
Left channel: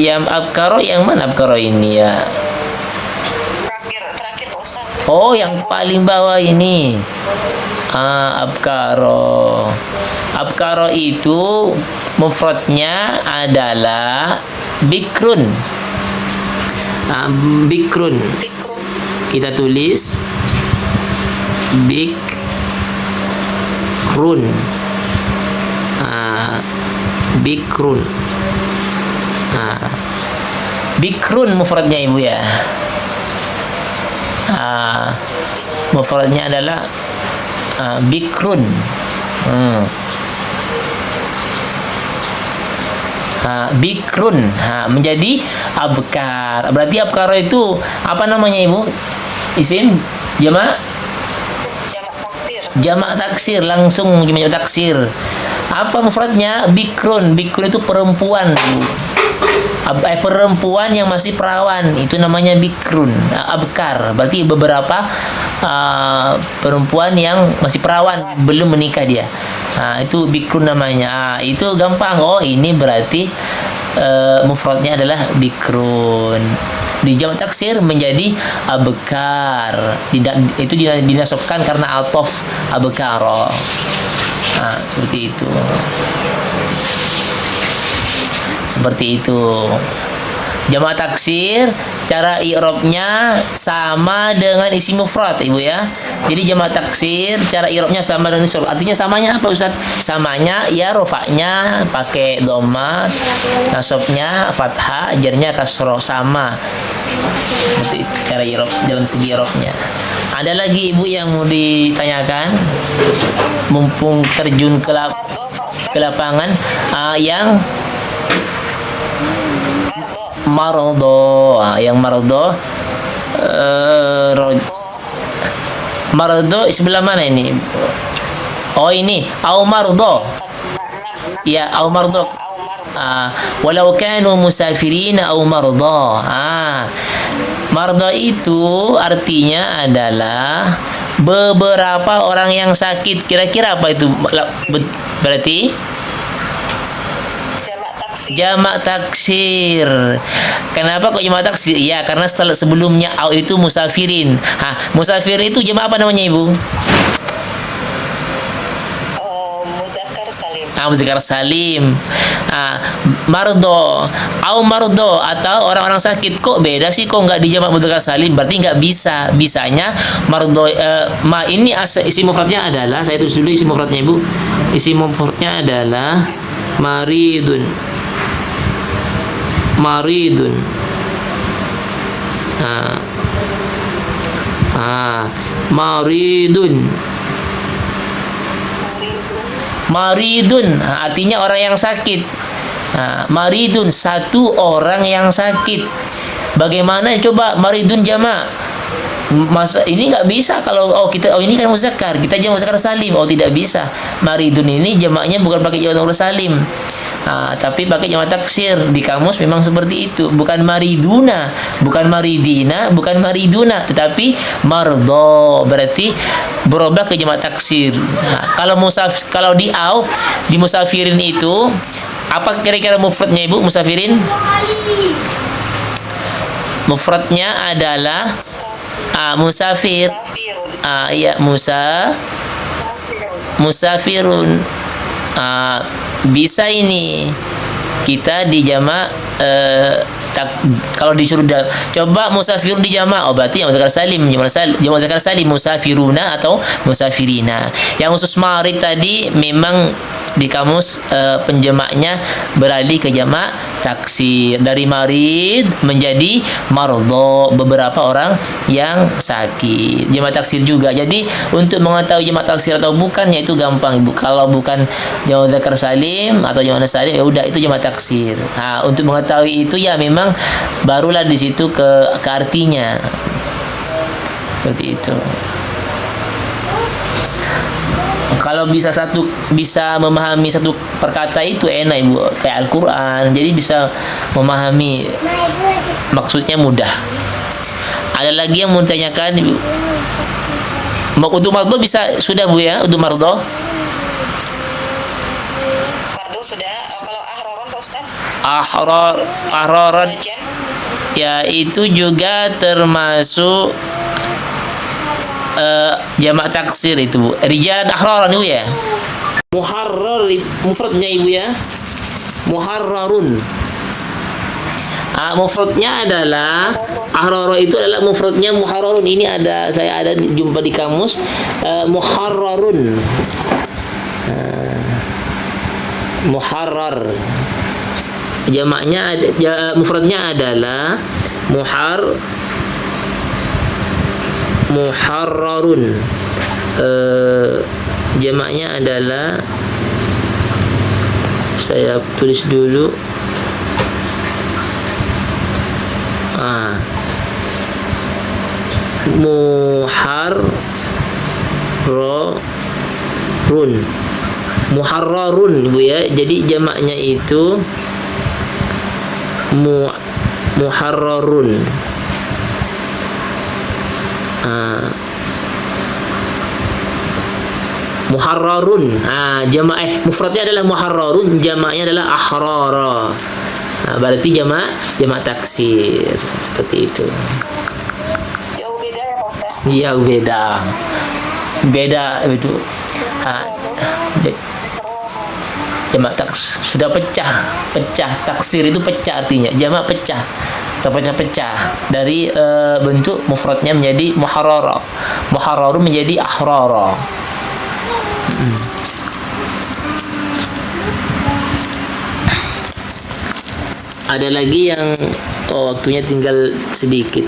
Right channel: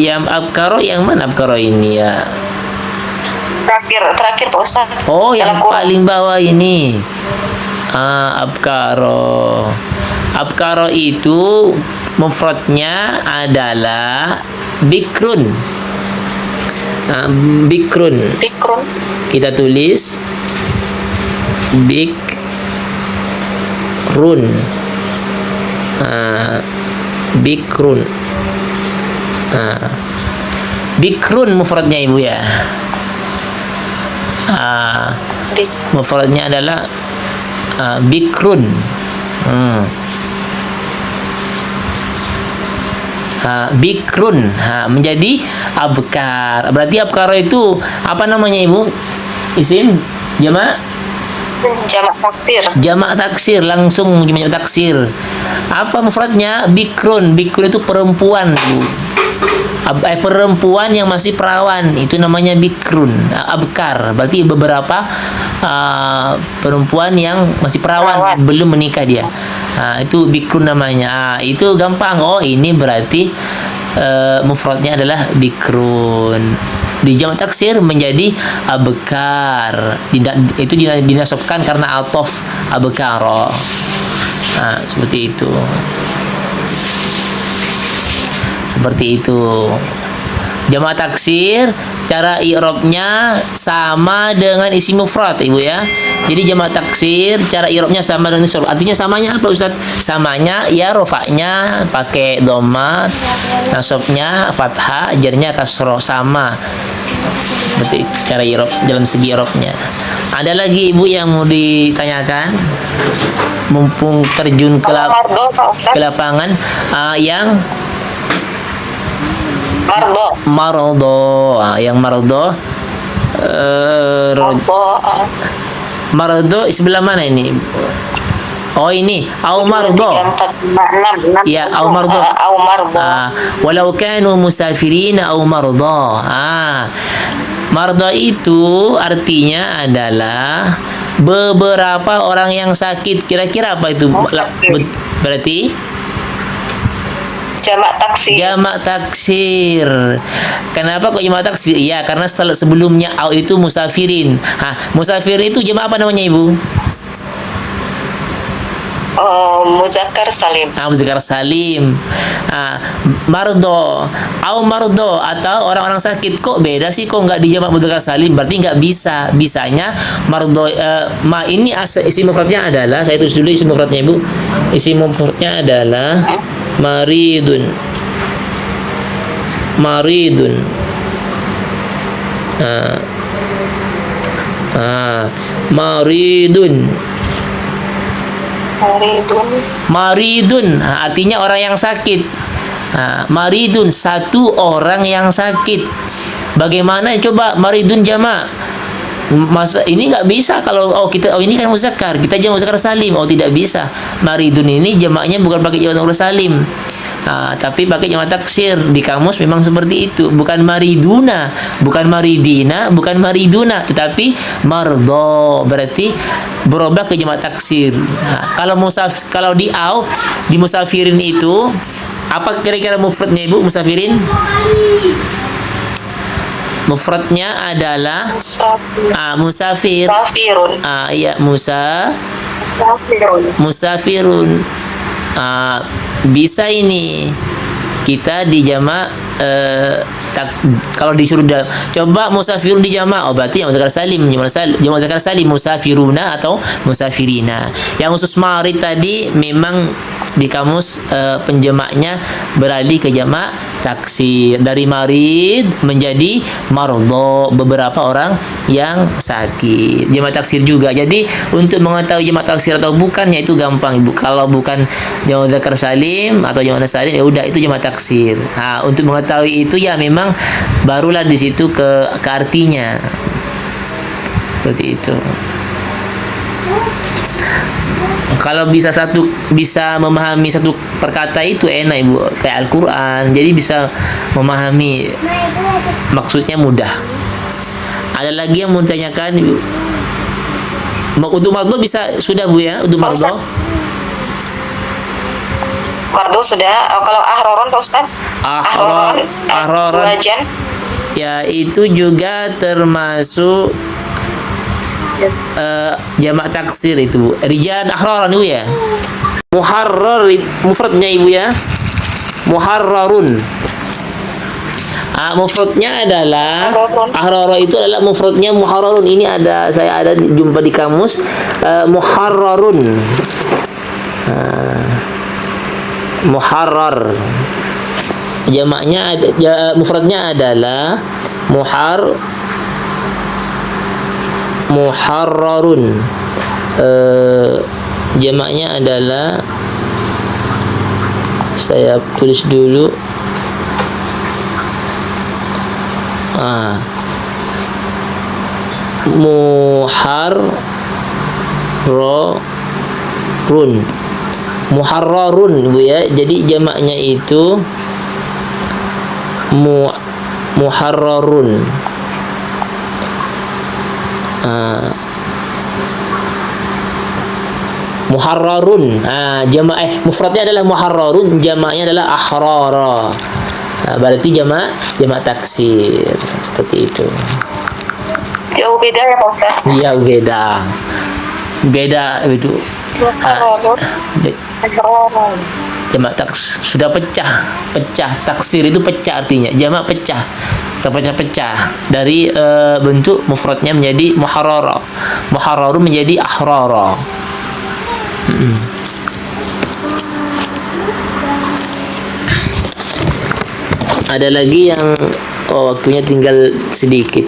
yang abkaro yang mana abkaro ini ya? Terakhir Pak Ustaz. Oh, yang paling bawah ini. Abkaro. Abkaro itu mufradnya adalah bikrun. Bikrun. Kita tulis bikrun. Bikrun. Bikrun mufradnya, Ibu ya. Mufradnya adalah bikrun. Bikrun menjadi abkar. Berarti abkar itu apa namanya, Ibu? Isim jamak taksir. Jamak taksir, langsung jamak taksir. Apa mufradnya? Bikrun. Bikrun itu perempuan, Bu. Perempuan yang masih perawan, itu namanya bikrun. Abkar berarti beberapa perempuan yang masih perawan, belum menikah dia. Itu bikrun namanya. Itu gampang. Oh, ini berarti mufradnya adalah bikrun. Di jamak taksir menjadi abkar. Itu dinasabkan karena atof abkaro. Seperti itu. Seperti itu. Jamak taksir cara i'rabnya sama dengan isim mufrad, Ibu ya. Jadi jamak taksir cara i'rabnya sama dengan isim. Artinya samanya apa, Ustaz? Samanya ya rofaknya pakai dhamma, nasabnya fathah, jarnya kasroh, sama. Seperti itu cara i'rab dalam segi i'rabnya. Ada lagi, Ibu, yang mau ditanyakan? Mumpung terjun ke lapangan, yang mardo. Yang mardo mardo sebelah mana ini? Oh, ini au mardo. Ya, au mardo. Walau kanu musafirin au mardo. Mardo itu artinya adalah beberapa orang yang sakit. Kira-kira apa itu? Berarti jamak taksir. Kenapa kok jamak taksir? Ya, karena sebelumnya au itu musafirin. Musafir itu jamak apa namanya, Ibu? Muzakkar salim. Muzakkar salim. Mardo, au mardo atau orang-orang sakit. Kok beda sih, kok nggak dijamak muzakkar salim? Berarti nggak bisa. Bisanya mardo. Ini isim mufradnya adalah, saya tulis dulu isim mufradnya, Ibu. Isim mufradnya adalah maridun. Maridun. Maridun artinya orang yang sakit. Maridun satu orang yang sakit. Bagaimana coba maridun jamak? Masa ini nggak bisa kalau ini kan muzakkar, kita jamak muzakkar salim. Tidak bisa. Maridun ini jamaknya bukan pakai jamak muzakkar salim. Tapi pakai jamak taksir. Di kamus memang seperti itu. Bukan mariduna, bukan maridina, bukan mariduna, tetapi mardo. Berarti berubah ke jamak taksir. Kalau di musafirin itu apa kira-kira mufradnya, Ibu? Musafirin mufradnya adalah musafir. Iya, musafirun. Bisa ini kita dijamak kalau disuruh coba musafirun dijamak, berarti yang muzakkar salim, jamak muzakkar salim musafiruna atau musafirina. Yang khusus marid tadi memang di kamus penjamaknya beralih ke jamak taksir, dari marid menjadi mardho, beberapa orang yang sakit. Jamak taksir juga. Jadi untuk mengetahui jamak taksir atau bukannya itu gampang Ibu. Kalau bukan jamak dzakar salim atau jamak muannas salim, ya udah itu jamak taksir. Nah, untuk mengetahui itu ya memang barulah di situ ke artinya. Seperti itu. Kalau bisa memahami satu perkata itu enak Ibu, kayak Al-Qur'an. Jadi bisa memahami maksudnya mudah. Ada lagi yang mau ditanyakan Ibu? Untuk mardho bisa sudah Bu ya, untuk mardho? Mardho sudah. Kalau ahroron Pak Ustaz? Ahroron. Azwajan. Ya, itu juga termasuk jamak taksir itu Bu. Rijalan ahraran Ibu ya. Muharrar mufradnya Ibu ya. Muharrarun. Mufradnya adalah ahrara, itu adalah mufradnya muharrarun. Ini saya ada jumpa di kamus muharrarun. Muharrar. Jamaknya mufradnya adalah muharrarun. Jamaknya adalah, saya tulis dulu, muharrarun Bu ya. Jadi jamaknya itu muharrarun. Muharrarun. Jamak mufradnya adalah muharrarun, jamaknya adalah ahrara. Berarti jamak taksir. Seperti itu. Jauh beda ya Pak Ustaz? Iya, beda itu. Jamak taksir sudah pecah. Taksir itu pecah artinya. Jamak pecah. Terpecah-pecah dari bentuk mufradnya menjadi muharrara. Muharrarun menjadi ahrara. Ada lagi yang waktunya tinggal sedikit.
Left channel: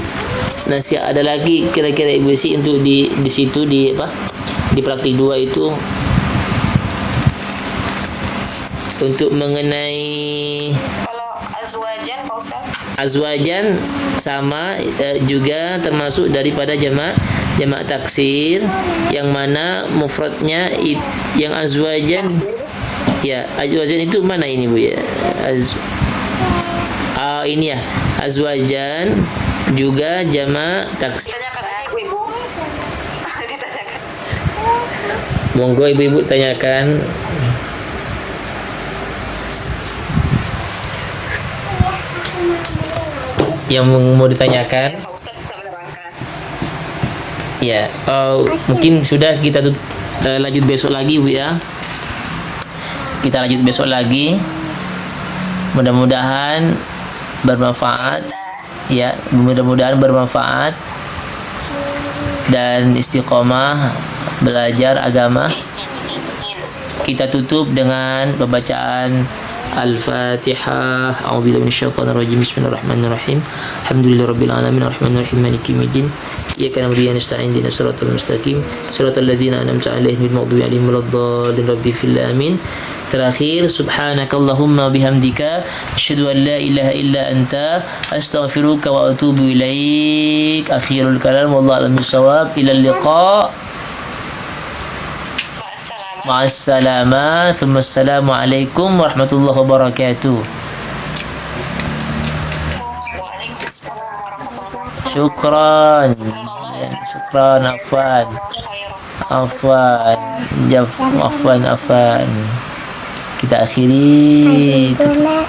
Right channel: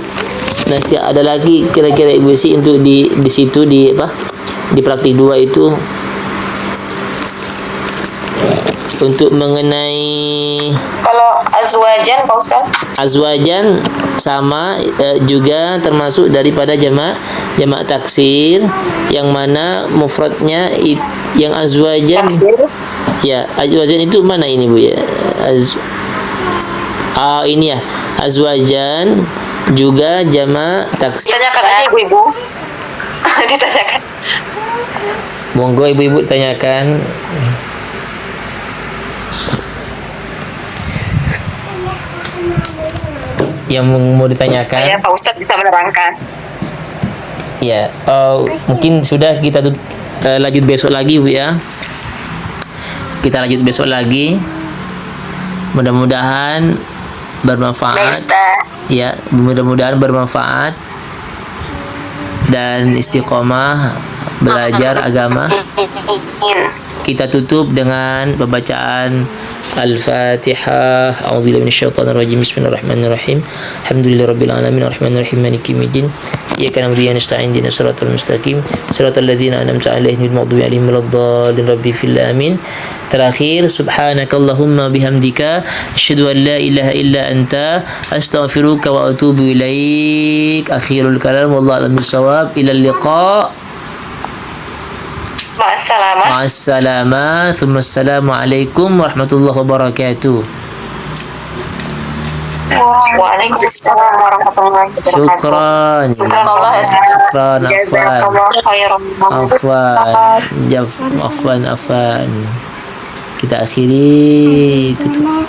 Nanti ada lagi kira-kira Ibu sih untuk di situ di praktik 2 itu untuk mengenai kalau azwajan Pak Ustaz? Azwajan sama juga termasuk daripada jamak taksir, yang mana mufradnya yang azwajan. Ya, azwajan itu mana ini Bu ya? Ini ya, azwajan juga jamak taksir. Tanyakan aja ibu-ibu. Ditanyakan. Monggo ibu-ibu tanyakan. Yang mau ditanyakan? Ya, Pak Ustadz bisa menerangkan. Ya, mungkin sudah kita lanjut besok lagi Bu ya. Kita lanjut besok lagi. Mudah-mudahan bermanfaat. Ya, mudah-mudahan bermanfaat dan istiqomah belajar agama. Kita tutup dengan pembacaan Al-Fatihah. A'udzubillahi minasyaitonir rajim. Bismillahirrahmanirrahim. Alhamdulillahirabbil alamin arrahmanirrahim maliki yaumiddin. Iyyaka na'budu wa iyyaka nasta'in ihdinas siratal mustaqim siratal ladzina an'amta 'alaihim ghairil maghdubi 'alaihim waladdallin. Rabbi fil amin. Terakhir, subhanakallahumma bihamdika asyhadu an la ilaha illa anta astaghfiruka wa atubu ilaik. Akhirul kalam wallahu a'lam bissawab. Ila liqa. Ma'assalamah. Thumma assalamualaikum warahmatullahi wabarakatuh. Waalaikumsalam warahmatullahi wabarakatuh. Syukran. Afwan. Kita akhiri tutup.